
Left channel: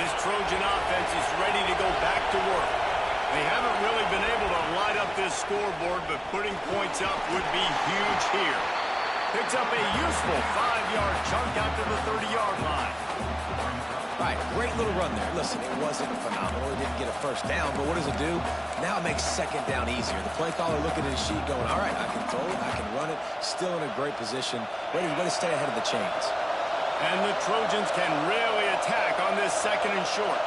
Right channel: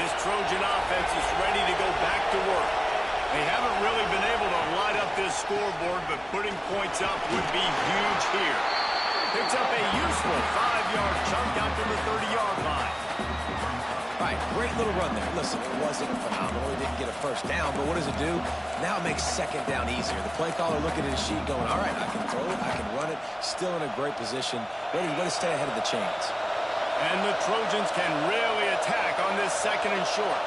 This Trojan offense is ready to go back to work. They haven't really been able to light up this scoreboard, but putting points up would be huge here. Picks up a useful 5-yard chunk out to the 30-yard line. All right, great little run there. Listen, it wasn't phenomenal. It didn't get a first down, but what does it do? Now it makes 2nd down easier. The play caller looking at his sheet going, all right, I can throw it, I can run it, still in a great position. Way to stay ahead of the chains. And the Trojans can really attack on this 2nd and short.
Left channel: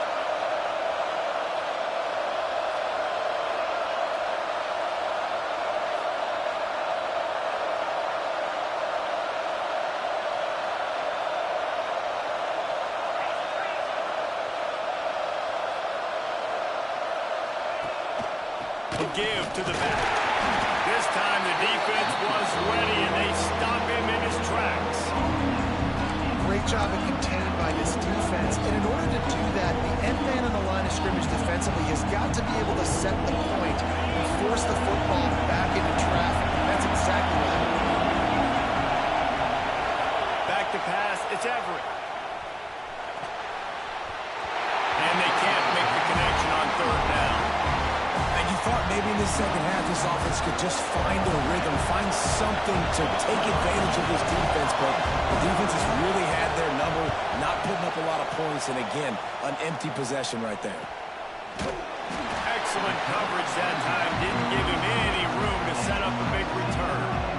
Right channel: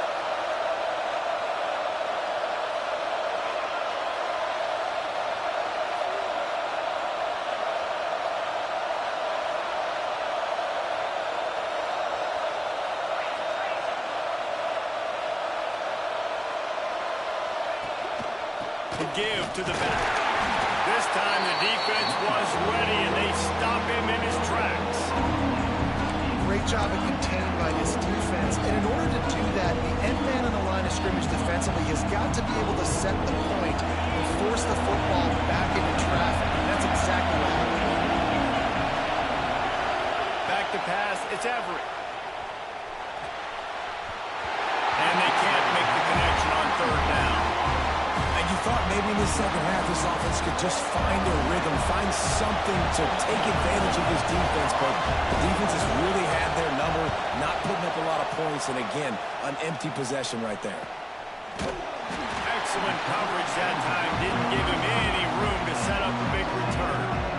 Give to the back. This time the defense was ready and they stop him in his tracks. Great job of contained by this defense. And in order to do that, the end man on the line of scrimmage defensively has got to be able to set the point and force the football back into traffic. And that's exactly what happened. Back to pass, it's Everett. And they can't make the connection on 3rd down. And you thought maybe in the second half this offense could just find a rhythm, find something to take advantage of this defense, but the defense has really had their number, not putting up a lot of points, and again, an empty possession right there. Excellent coverage that time. Didn't give him any room to set up a big return.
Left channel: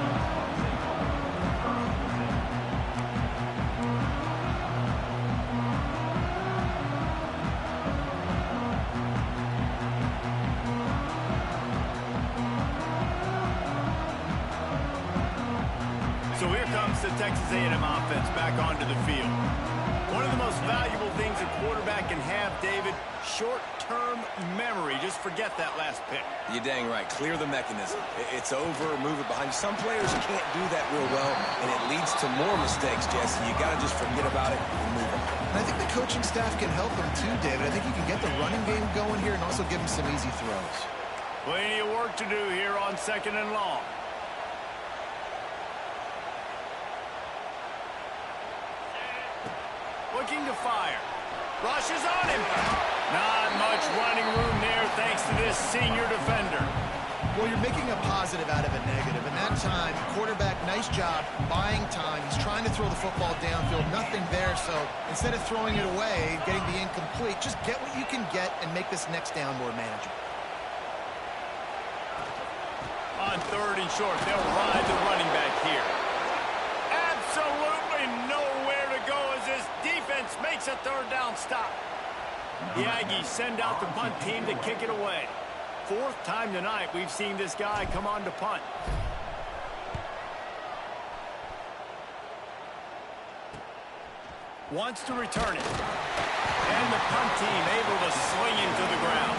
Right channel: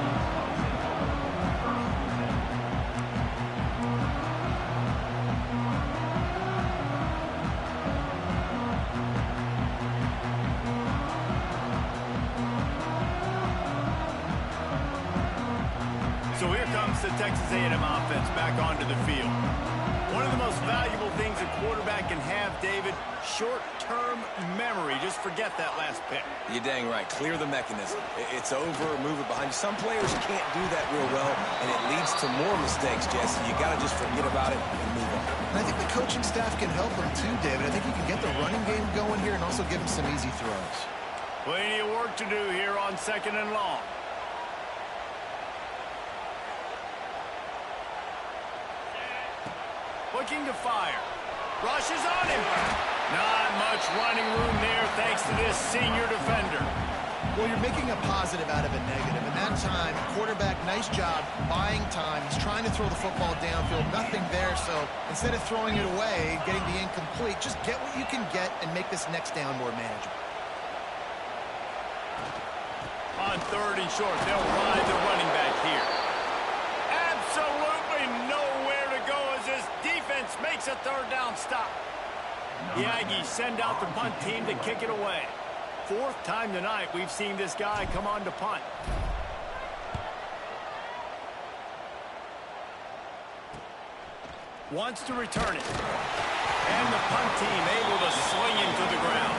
So here comes the Texas A&M offense back onto the field. One of the most valuable things a quarterback can have, David, short-term memory. Just forget that last pick. You're dang right. Clear the mechanism. It's over, move it behind you. Some players can't do that real well, and it leads to more mistakes, Jesse. You got to just forget about it and move on. And I think the coaching staff can help him too, David. I think you can get the running game going here and also give him some easy throws. Plenty of work to do here on 2nd and long. Looking to fire. Rushes on him. Not much running room there thanks to this senior defender. Well, you're making a positive out of a negative. And that time, quarterback, nice job buying time. He's trying to throw the football downfield. Nothing there. So instead of throwing it away, getting the incomplete, just get what you can get and make this next down more manageable. On 3rd and short, they'll ride the running back here. Absolutely nowhere to go as this defense makes a 3rd down stop. The Aggies send out the punt team to kick it away. 4th time tonight we've seen this guy come on to punt. Wants to return it. And the punt team able to swing him to the ground.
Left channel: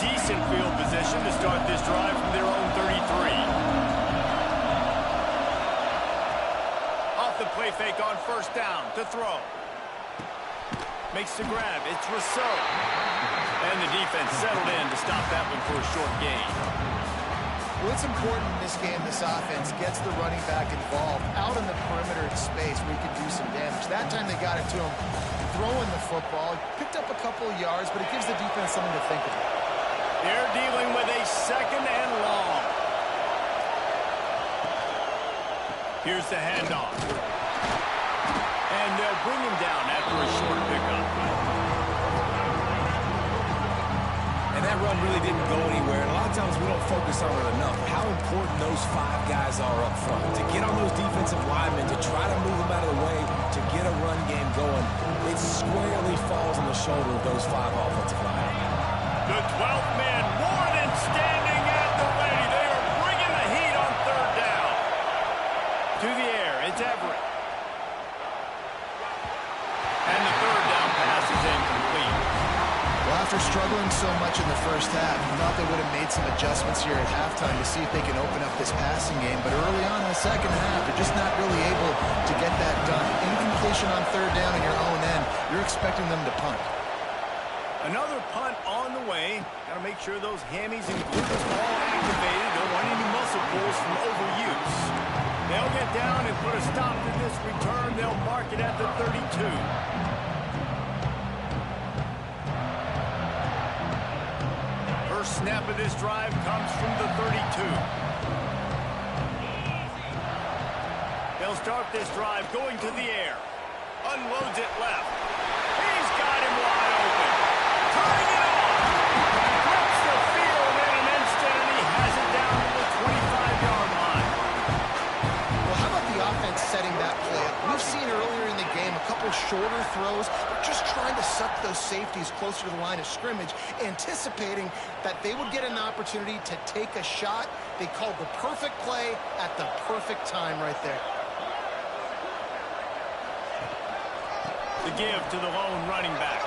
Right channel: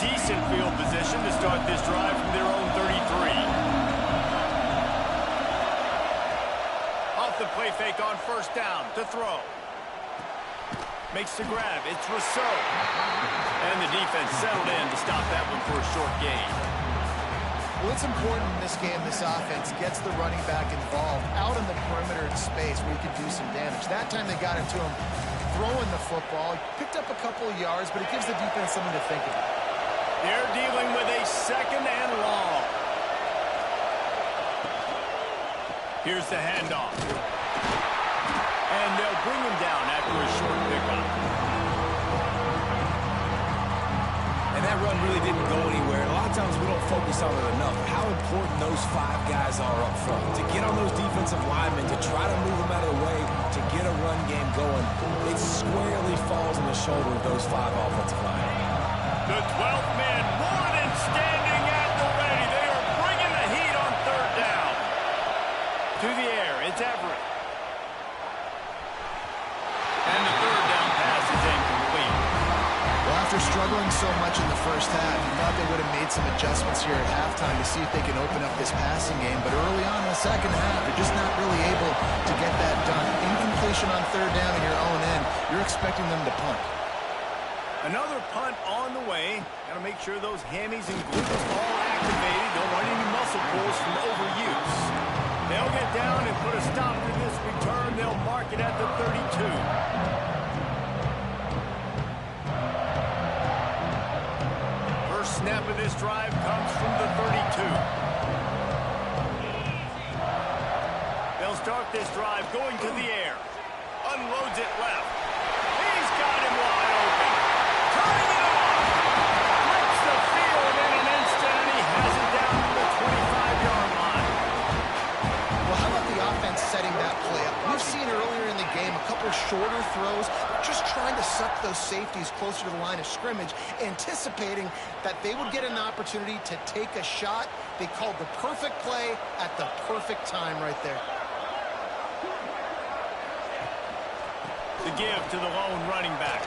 Decent field position to start this drive from their own 33. Off the play fake on 1st down to throw. Makes the grab. It's Rousseau. And the defense settled in to stop that one for a short gain. Well, it's important in this game this offense gets the running back involved out in the perimeter in space where he can do some damage. That time they got it to him throwing the football. He picked up a couple of yards, but it gives the defense something to think about. They're dealing with a 2nd and long. Here's the handoff. And they'll bring him down after a short pickup. And that run really didn't go anywhere. And a lot of times we don't focus on it enough. How important those 5 guys are up front. To get on those defensive linemen, to try to move them out of the way, to get a run game going, it squarely falls on the shoulder of those 5 offensive linemen. The 12th man more than standing at the ready. They are bringing the heat on 3rd down. To the air, it's Everett. And the 3rd down pass is incomplete. Well, after struggling so much in the first half, you thought they would have made some adjustments here at halftime to see if they can open up this passing game. But early on in the second half, they're just not really able to get that done. Incompletion on 3rd down in your own end, you're expecting them to punt. Another punt on the way. Got to make sure those hammies and glutes all activated. Don't want any muscle pulls from overuse. They'll get down and put a stop to this return. They'll mark it at the 32. First snap of this drive comes from the 32. They'll start this drive going to the air. Unloads it left. He's got him wide open. Turning it on. Flips the field in an instant, and he has it down to the 25-yard line. Well, how about the offense setting that play up? We've seen earlier in the game a couple shorter throws. They're just trying to suck those safeties closer to the line of scrimmage, anticipating that they would get an opportunity to take a shot. They called the perfect play at the perfect time right there. The give to the lone running back.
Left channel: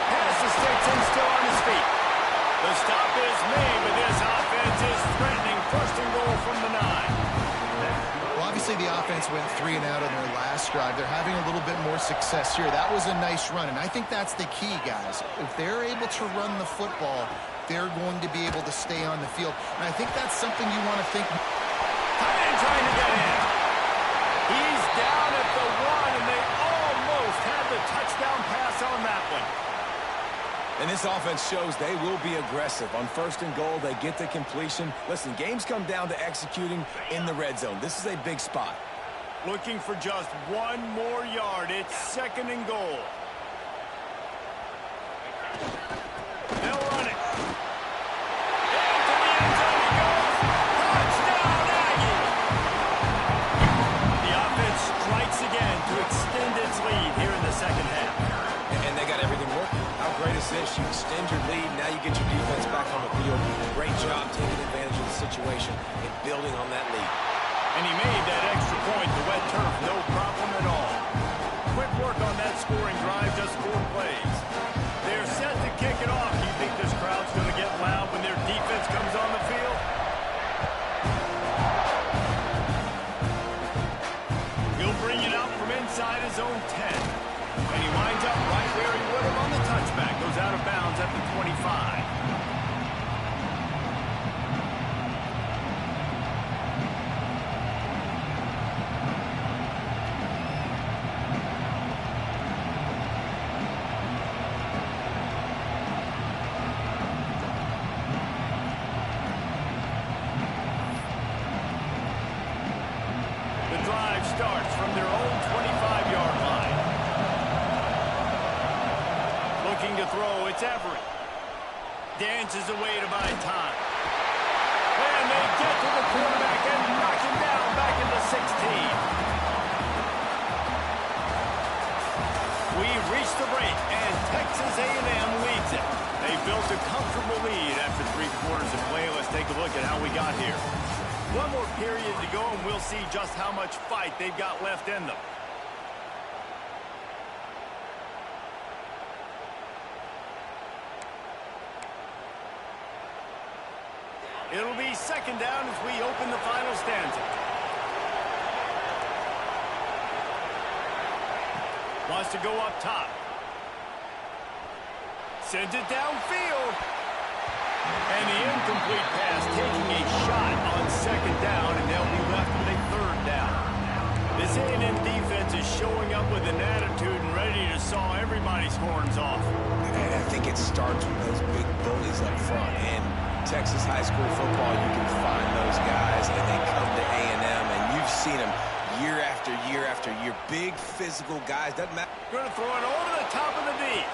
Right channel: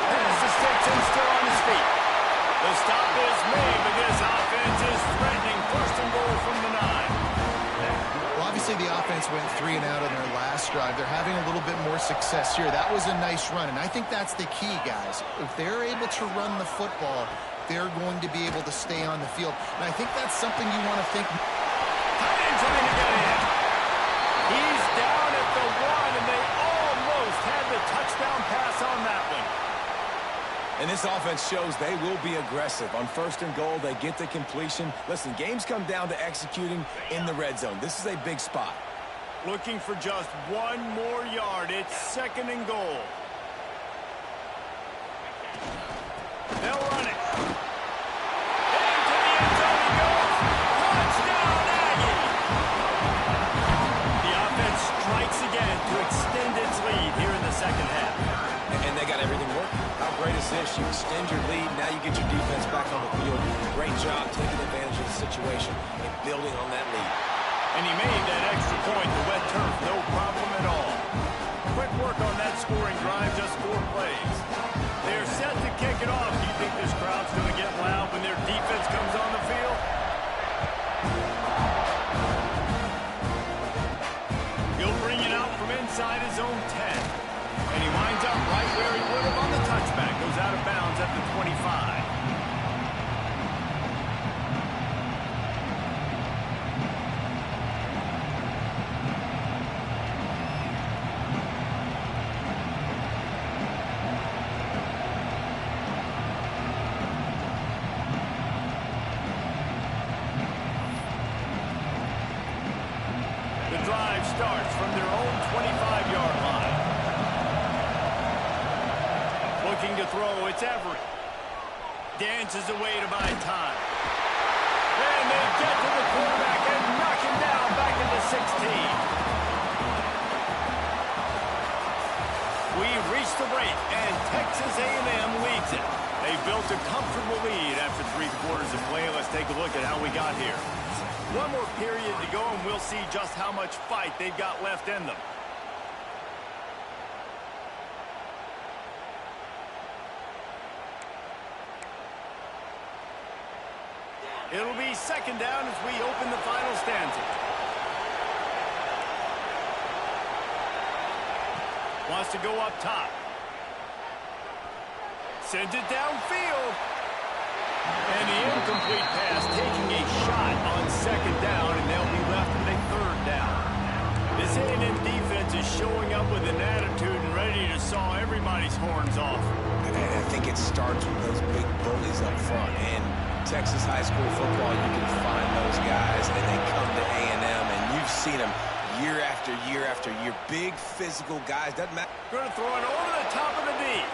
Pass the sticks and still on his feet. The stop is made, but this offense is threatening 1st and goal from the 9. Well, obviously the offense went 3 and out on their last drive. They're having a little bit more success here. That was a nice run, and I think that's the key, guys. If they're able to run the football, they're going to be able to stay on the field. And I think that's something you want to think. Tight end trying to get in. He's down at the 1, and they almost had the touchdown pass on that one. And this offense shows they will be aggressive. On 1st and goal, they get the completion. Listen, games come down to executing in the red zone. This is a big spot. Looking for just 1 more yard. It's 2nd and goal. They'll run it. Into the end zone he goes. Touchdown, Aggie! The offense strikes again to extend its lead here in the 2nd half. And they got everything working. How great is this? You extend your lead, now you get your defense back on the field. Great job taking advantage of the situation and building on that lead. And he made that extra point, the wet turf, no problem at all. Quick work on that scoring drive, just 4 plays. They're set to kick it off. Do you think this crowd's going to get loud when their defense comes on the field? He'll bring it out from inside his own 10. And he winds up right where he would have on the touchback. Goes out of bounds at the 25. The drive starts from their own 25-yard line. Looking to throw, it's Everett. Dances away to buy time. And they get to the quarterback and knock him down back in the 16. We reach the break, and Texas A&M leads it. They built a comfortable lead after 3 quarters of play. Let's take a look at how we got here. 1 more period to go, and we'll see just how much fight they've got left in them. It'll be 2nd down as we open the final stanza. Wants to go up top. Sends it downfield. And the incomplete pass taking a shot on 2nd down, and they'll be left with a 3rd down. This A&M defense is showing up with an attitude and ready to saw everybody's horns off. And I think it starts with those big bullies up front. In Texas high school football, you can find those guys, and they come to A&M, and you've seen them year after year after year. Big physical guys. Doesn't matter. Going to throw it over the top of the knee.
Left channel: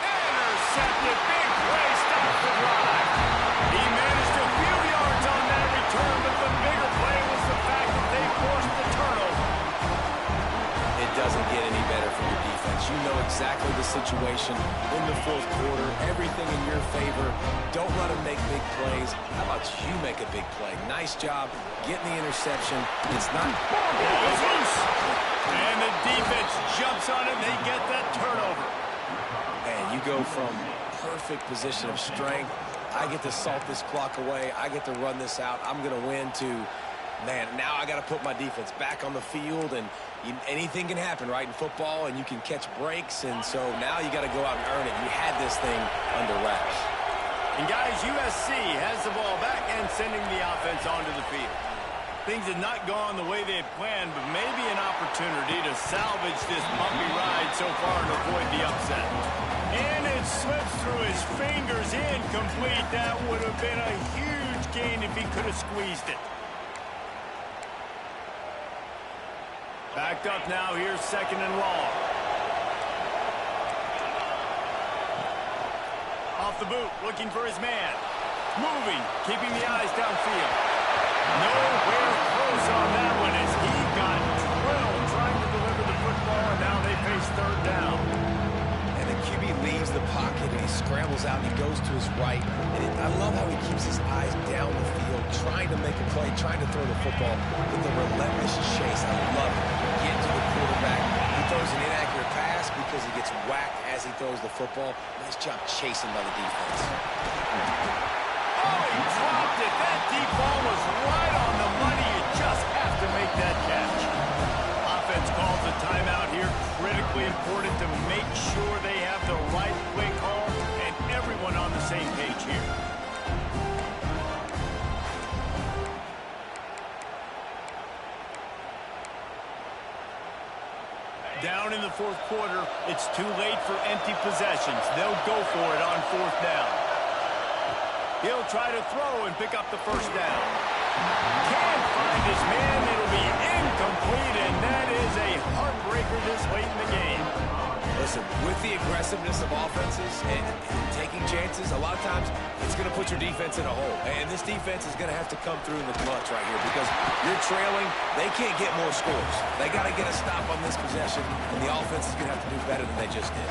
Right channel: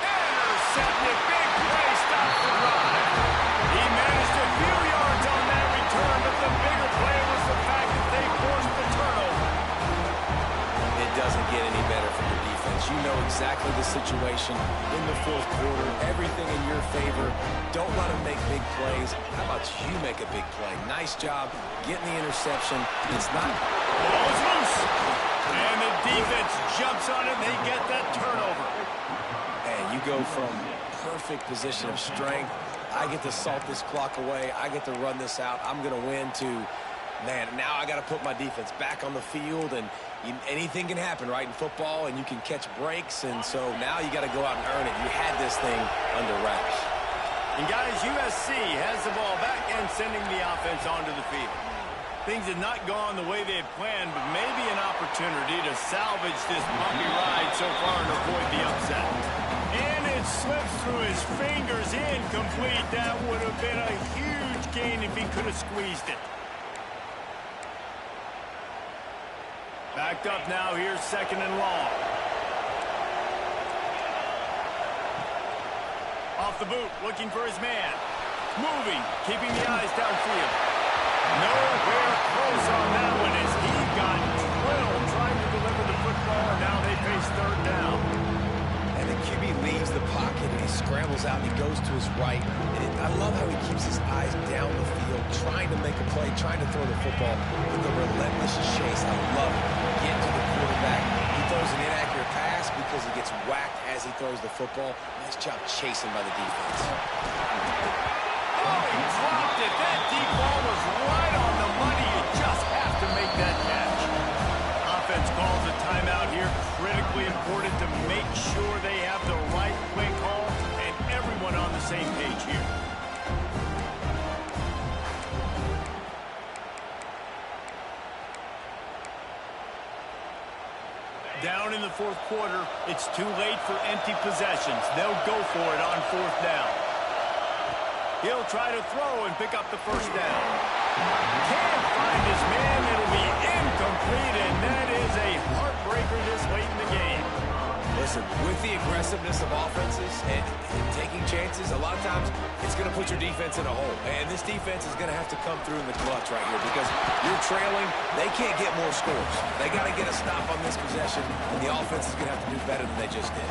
Intercepted. Big play. Stops the drive. He managed a few yards on that return, but the bigger play was the fact that they forced the turnover. It doesn't get any better for your defense. You know exactly the situation in the fourth quarter. Everything in your favor. Don't let them make big plays. How about you make a big play? Nice job getting the interception. It's not... Ball is loose. And the defense jumps on it, and they get that turnover. And you go from perfect position of strength. I get to salt this clock away. I get to run this out. I'm going to win to... Man, now I got to put my defense back on the field, and anything can happen, right, in football, and you can catch breaks, and so now you got to go out and earn it. You had this thing under wraps. And, guys, USC has the ball back and sending the offense onto the field. Things have not gone the way they had planned, but maybe an opportunity to salvage this bumpy ride so far and avoid the upset. And it slips through his fingers, incomplete. That would have been a huge gain if he could have squeezed it. Backed up now, here's second and long. Off the boot, looking for his man. Moving, keeping the eyes downfield. Nowhere close on that one as he got drilled trying to deliver the football, and now they face third down. And the QB leaves the pocket, and he scrambles out, and he goes to his right. And I love how he keeps his eyes down the field, trying to make a play, trying to throw the football with a relentless chase. I love it. Get to the quarterback. He throws an inaccurate pass because he gets whacked as he throws the football. Nice job chasing by the defense. Oh, he dropped it. That deep ball was right on the money. You just have to make that catch. Offense calls a timeout here. Critically important to make sure they have the right play call and everyone on the same page here. Down in the fourth quarter, it's too late for empty possessions. They'll go for it on fourth down. He'll try to throw and pick up the first down. Can't find his man. It'll be incomplete, and that is a heartbreaker this late in the game. Listen, with the aggressiveness of offenses and taking chances, a lot of times it's going to put your defense in a hole. And this defense is going to have to come through in the clutch right here because you're trailing. They can't get more scores. They got to get a stop on this possession, and the offense is going to have to do better than they just did.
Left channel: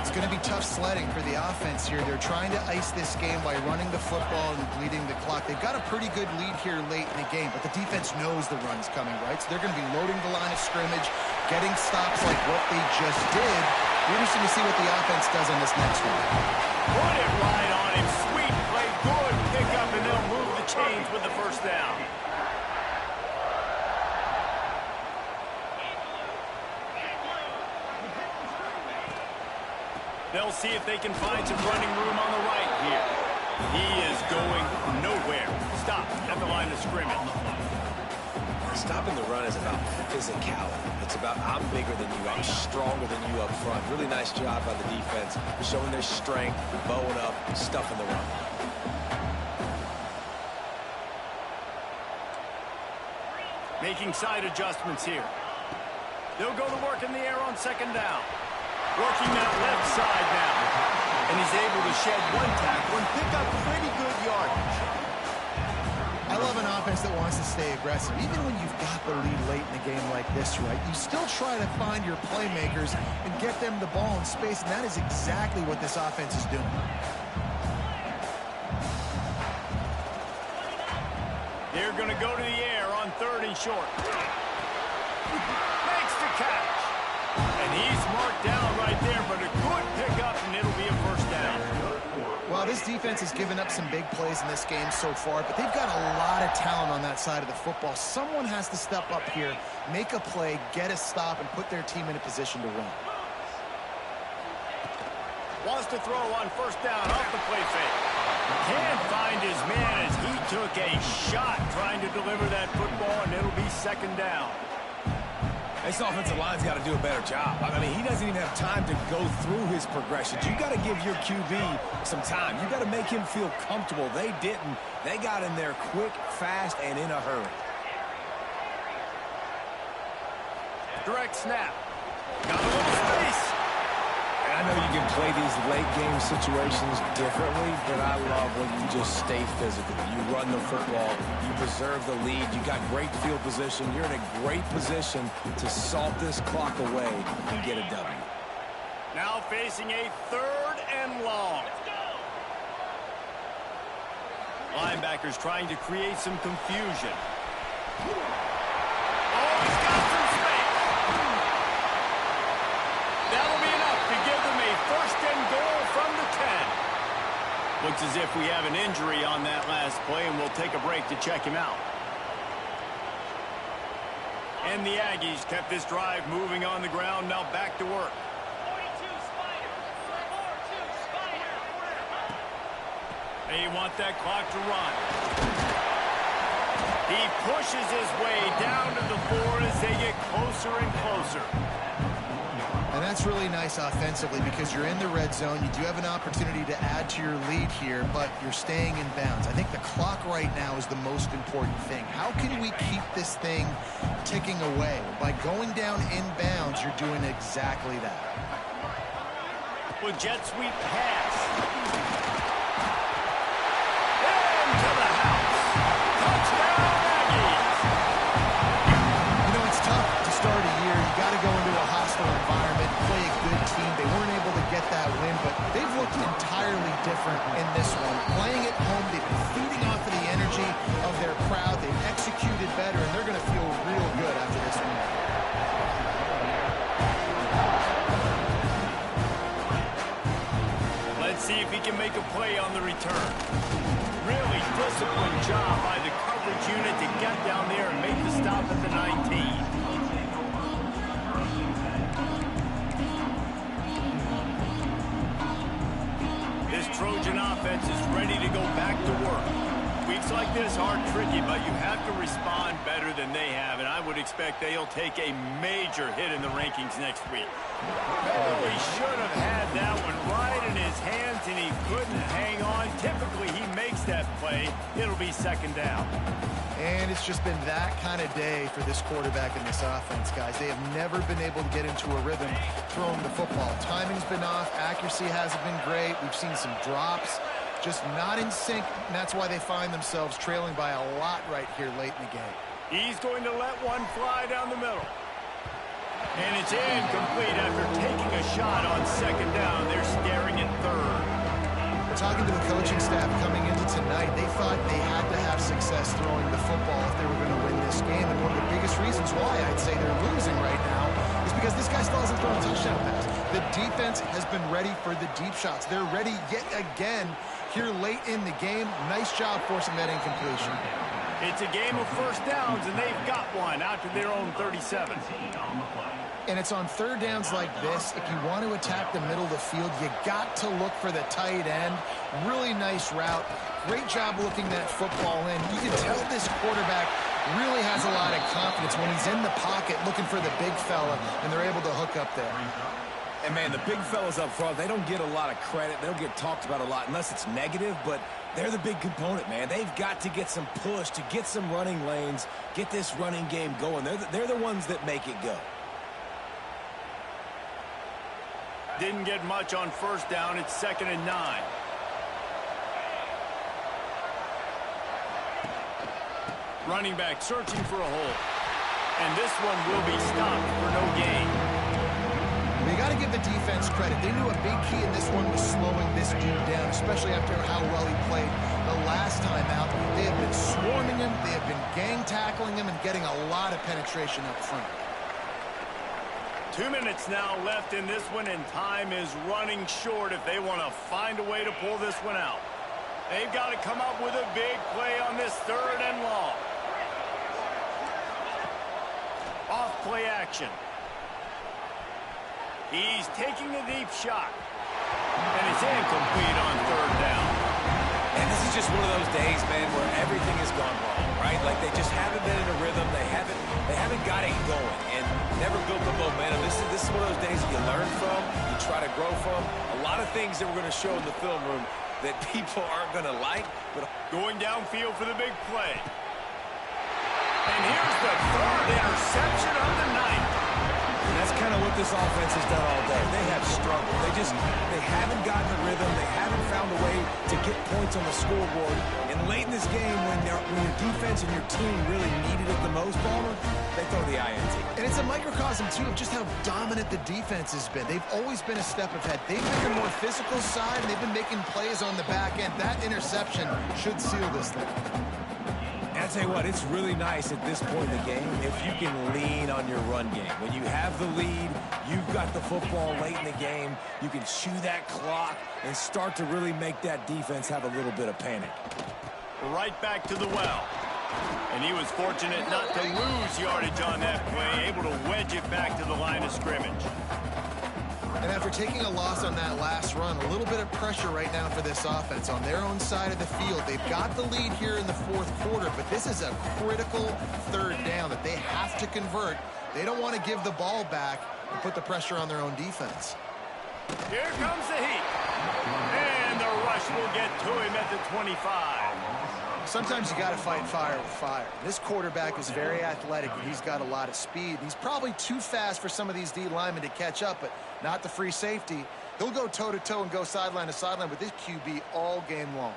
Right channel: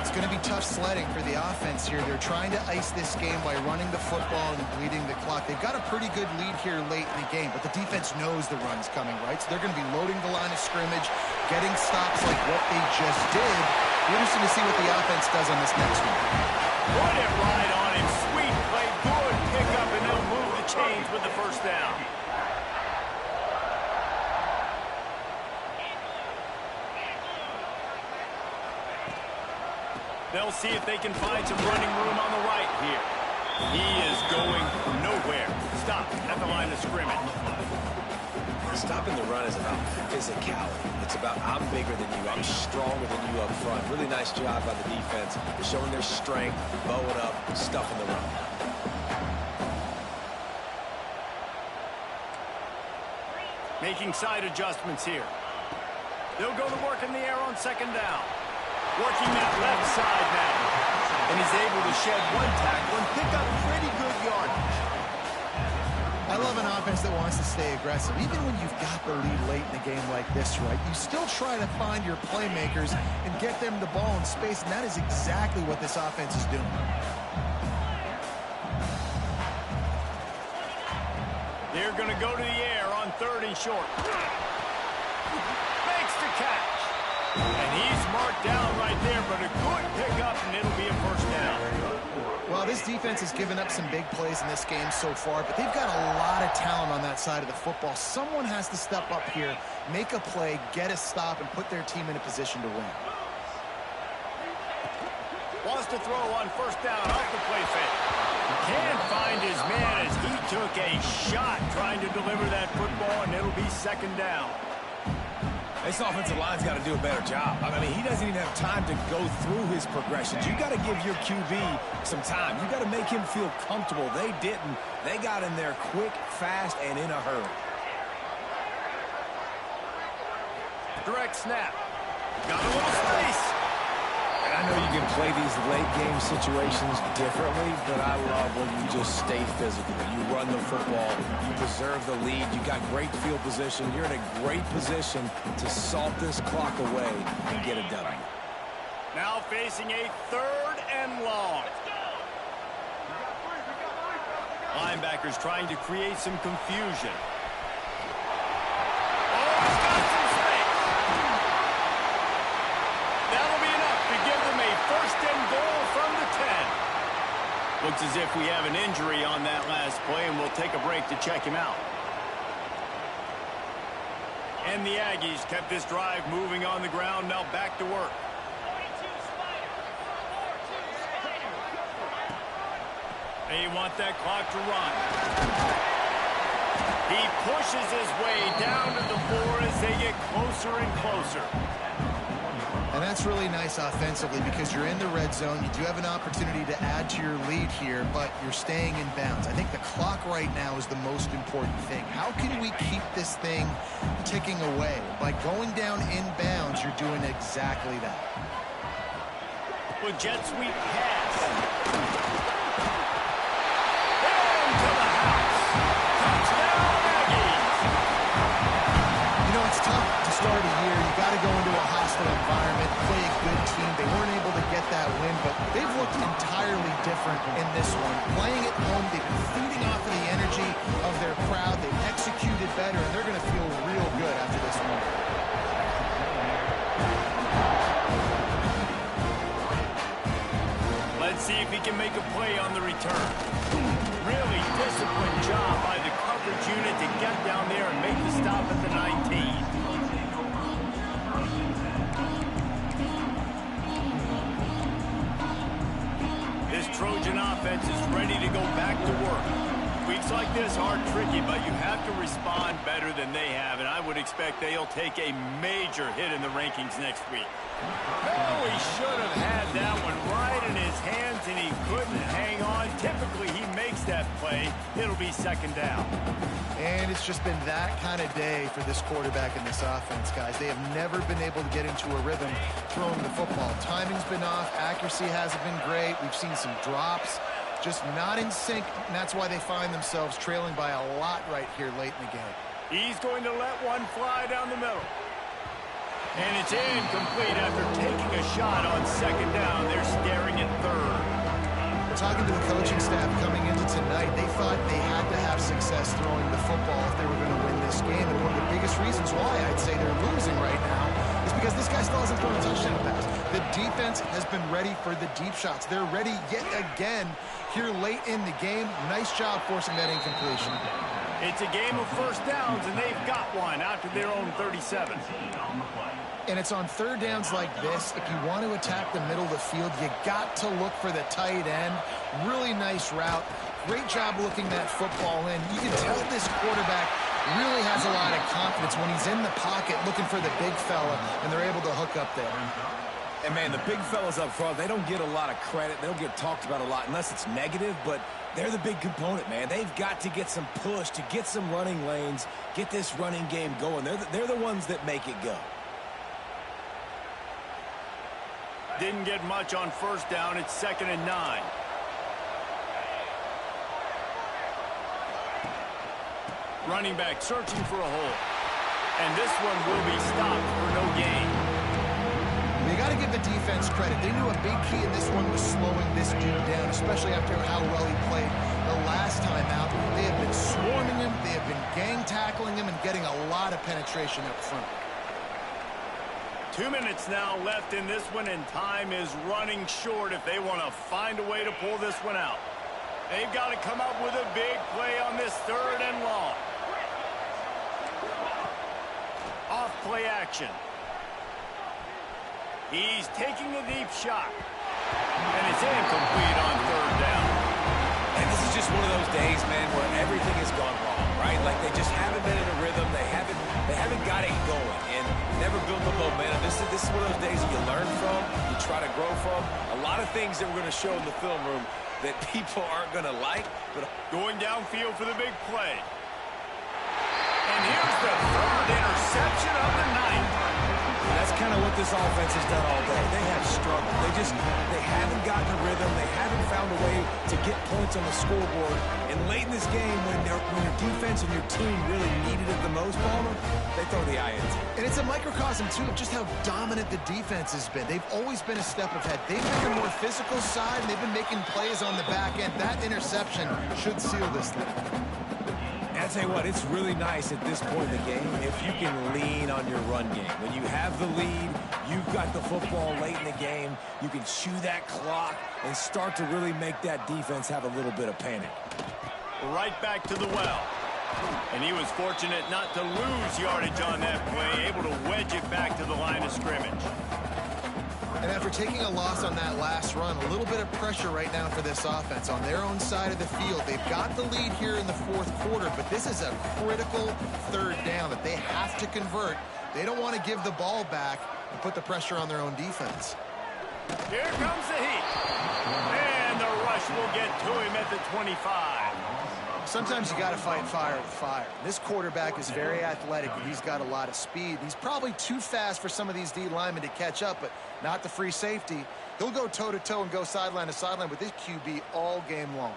It's going to be tough sledding for the offense here. They're trying to ice this game by running the football and bleeding the clock. They've got a pretty good lead here late in the game, but the defense knows the run's coming, right? So they're going to be loading the line of scrimmage, getting stops like what they just did. Be interesting to see what the offense does on this next one. Put it right on him. Sweet play, good pickup, and they'll move the chains with the first down. They'll see if they can find some running room on the right here. He is going nowhere. Stop at the line of scrimmage. Stopping the run is about physicality. It's about I'm bigger than you. I'm stronger than you up front. Really nice job by the defense, showing their strength, bowing up, stuffing the run. Making side adjustments here. They'll go to work in the air on second down. Working that left side now. And he's able to shed one tackle and pick up pretty good yardage. I love an offense that wants to stay aggressive. Even when you've got the lead late in a game like this, right, you still try to find your playmakers and get them the ball in space, and that is exactly what this offense is doing. They're going to go to the air on third and short. Makes the catch. And he's marked down right there, but a good pickup, and it'll be a first down. Well, this defense has given up some big plays in this game so far, but they've got a lot of talent on that side of the football. Someone has to step up here, make a play, get a stop, and put their team in a position to win. Wants to throw on first down off the play fake. Can't find his man as he took a shot trying to deliver that football, and it'll be second down. This offensive line's got to do a better job. I mean, he doesn't even have time to go through his progressions. You got to give your QB some time. You got to make him feel comfortable. They didn't. They got in there quick, fast, and in a hurry. Direct snap. Got a little space. And I know you can play these late game situations differently, but I love when you just stay physical. You run the football, you preserve the lead, you got great field position. You're in a great position to salt this clock away and get a W. Now facing a 3rd and long. Linebackers trying to create some confusion. Oh, he's got some space. That'll be enough to give them a 1st and goal from the 10. Looks as if we have an injury on that last play, and we'll take a break to check him out. And the Aggies kept this drive moving on the ground. Now back to work. 42 Spider. 4-2 Spider. They want that clock to run. He pushes his way down to the floor as they get closer and closer. And that's really nice offensively because you're in the red zone. You do have an opportunity to add to your lead here, but you're staying in bounds. I think the clock right now is the most important thing. How can we keep this thing ticking away? By going down in bounds, you're doing exactly that. With jet sweep pass. Into the house. Touchdown, Aggies. You know, it's tough to start a year. You got to go into a hostile environment, play a good team. They weren't able to get that win, but they've looked entirely different in this one. Playing at home, they've been feeding off of the energy of their crowd. They've executed better, and they're going to feel real good after this win. Let's see if he can make a play on the return. Really disciplined job by the coverage unit to get down there and make the stop at the 19. This Trojan offense is ready to go back to work. Weeks like this are tricky, but you have to respond better than they have, and I would expect they'll take a major hit in the rankings next week. Oh, he should have had that one right in his hands, and he couldn't hang on. Typically, he makes that play. It'll be 2nd down. And it's just been that kind of day for this quarterback and this offense, guys. They have never been able to get into a rhythm throwing the football. Timing's been off. Accuracy hasn't been great. We've seen some drops. Just not in sync, and that's why they find themselves trailing by a lot right here late in the game. He's going to let one fly down the middle. And it's incomplete after taking a shot on 2nd down. They're staring at 3rd. Talking to the coaching staff coming into tonight, they thought they had to have success throwing the football if they were going to win this game. And one of the biggest reasons why I'd say they're losing right now is because this guy still hasn't thrown a touchdown pass. The defense has been ready for the deep shots. They're ready yet again here late in the game. Nice job forcing that incompletion. It's a game of 1st downs, and they've got one out to their own 37. And it's on 3rd downs like this. If you want to attack the middle of the field, you got to look for the tight end. Really nice route. Great job looking that football in. You can tell this quarterback really has a lot of confidence when he's in the pocket looking for the big fella, and they're able to hook up there. And, man, the big fellas up front, they don't get a lot of credit. They don't get talked about a lot unless it's negative, but they're the big component, man. They've got to get some push, to get some running lanes, get this running game going. They're the ones that make it go. Didn't get much on 1st down. It's 2nd and 9. Running back searching for a hole. And this one will be stopped for no gain. Well, you got to give the defense credit. They knew a big key in this one was slowing this dude down, especially after how well he played the last time out. They have been swarming him. They have been gang tackling him and getting a lot of penetration up front. 2 minutes now left in this one, and time is running short if they want to find a way to pull this one out. They've got to come up with a big play on this 3rd and long. Off play action. He's taking a deep shot. And it's incomplete on 3rd down. And this is just one of those days, man, where everything has gone wrong, right? Like they just haven't been in a rhythm. They haven't got it going and never built the momentum. This is one of those days that you learn from, you try to grow from. A lot of things that we're going to show in the film room that people aren't going to like. But going downfield for the big play. And here's the 3rd interception of the night. That's kind of what this offense has done all day. They have struggled. They haven't gotten a rhythm. They haven't found a way to get points on the scoreboard. And late in this game, when your defense and your team really needed it the most, Palmer, they throw the INT. And it's a microcosm, too, of just how dominant the defense has been. They've always been a step ahead. They've been the more physical side, and they've been making plays on the back end. That interception should seal this thing. And I tell you what, it's really nice at this point in the game if you can lean on your run game. When you have the lead, you've got the football late in the game, you can chew that clock and start to really make that defense have a little bit of panic. Right back to the well. And he was fortunate not to lose yardage on that play, able to wedge it back to the line of scrimmage. And after taking a loss on that last run, a little bit of pressure right now for this offense on their own side of the field. They've got the lead here in the fourth quarter, but this is a critical third down that they have to convert. They don't want to give the ball back and put the pressure on their own defense. Here comes the heat. And the rush will get to him at the 25. Sometimes you got to fight fire with fire. This quarterback is very athletic, and he's got a lot of speed. He's probably too fast for some of these D linemen to catch up, but not the free safety. He'll go toe-to-toe and go sideline to sideline with this QB all game long.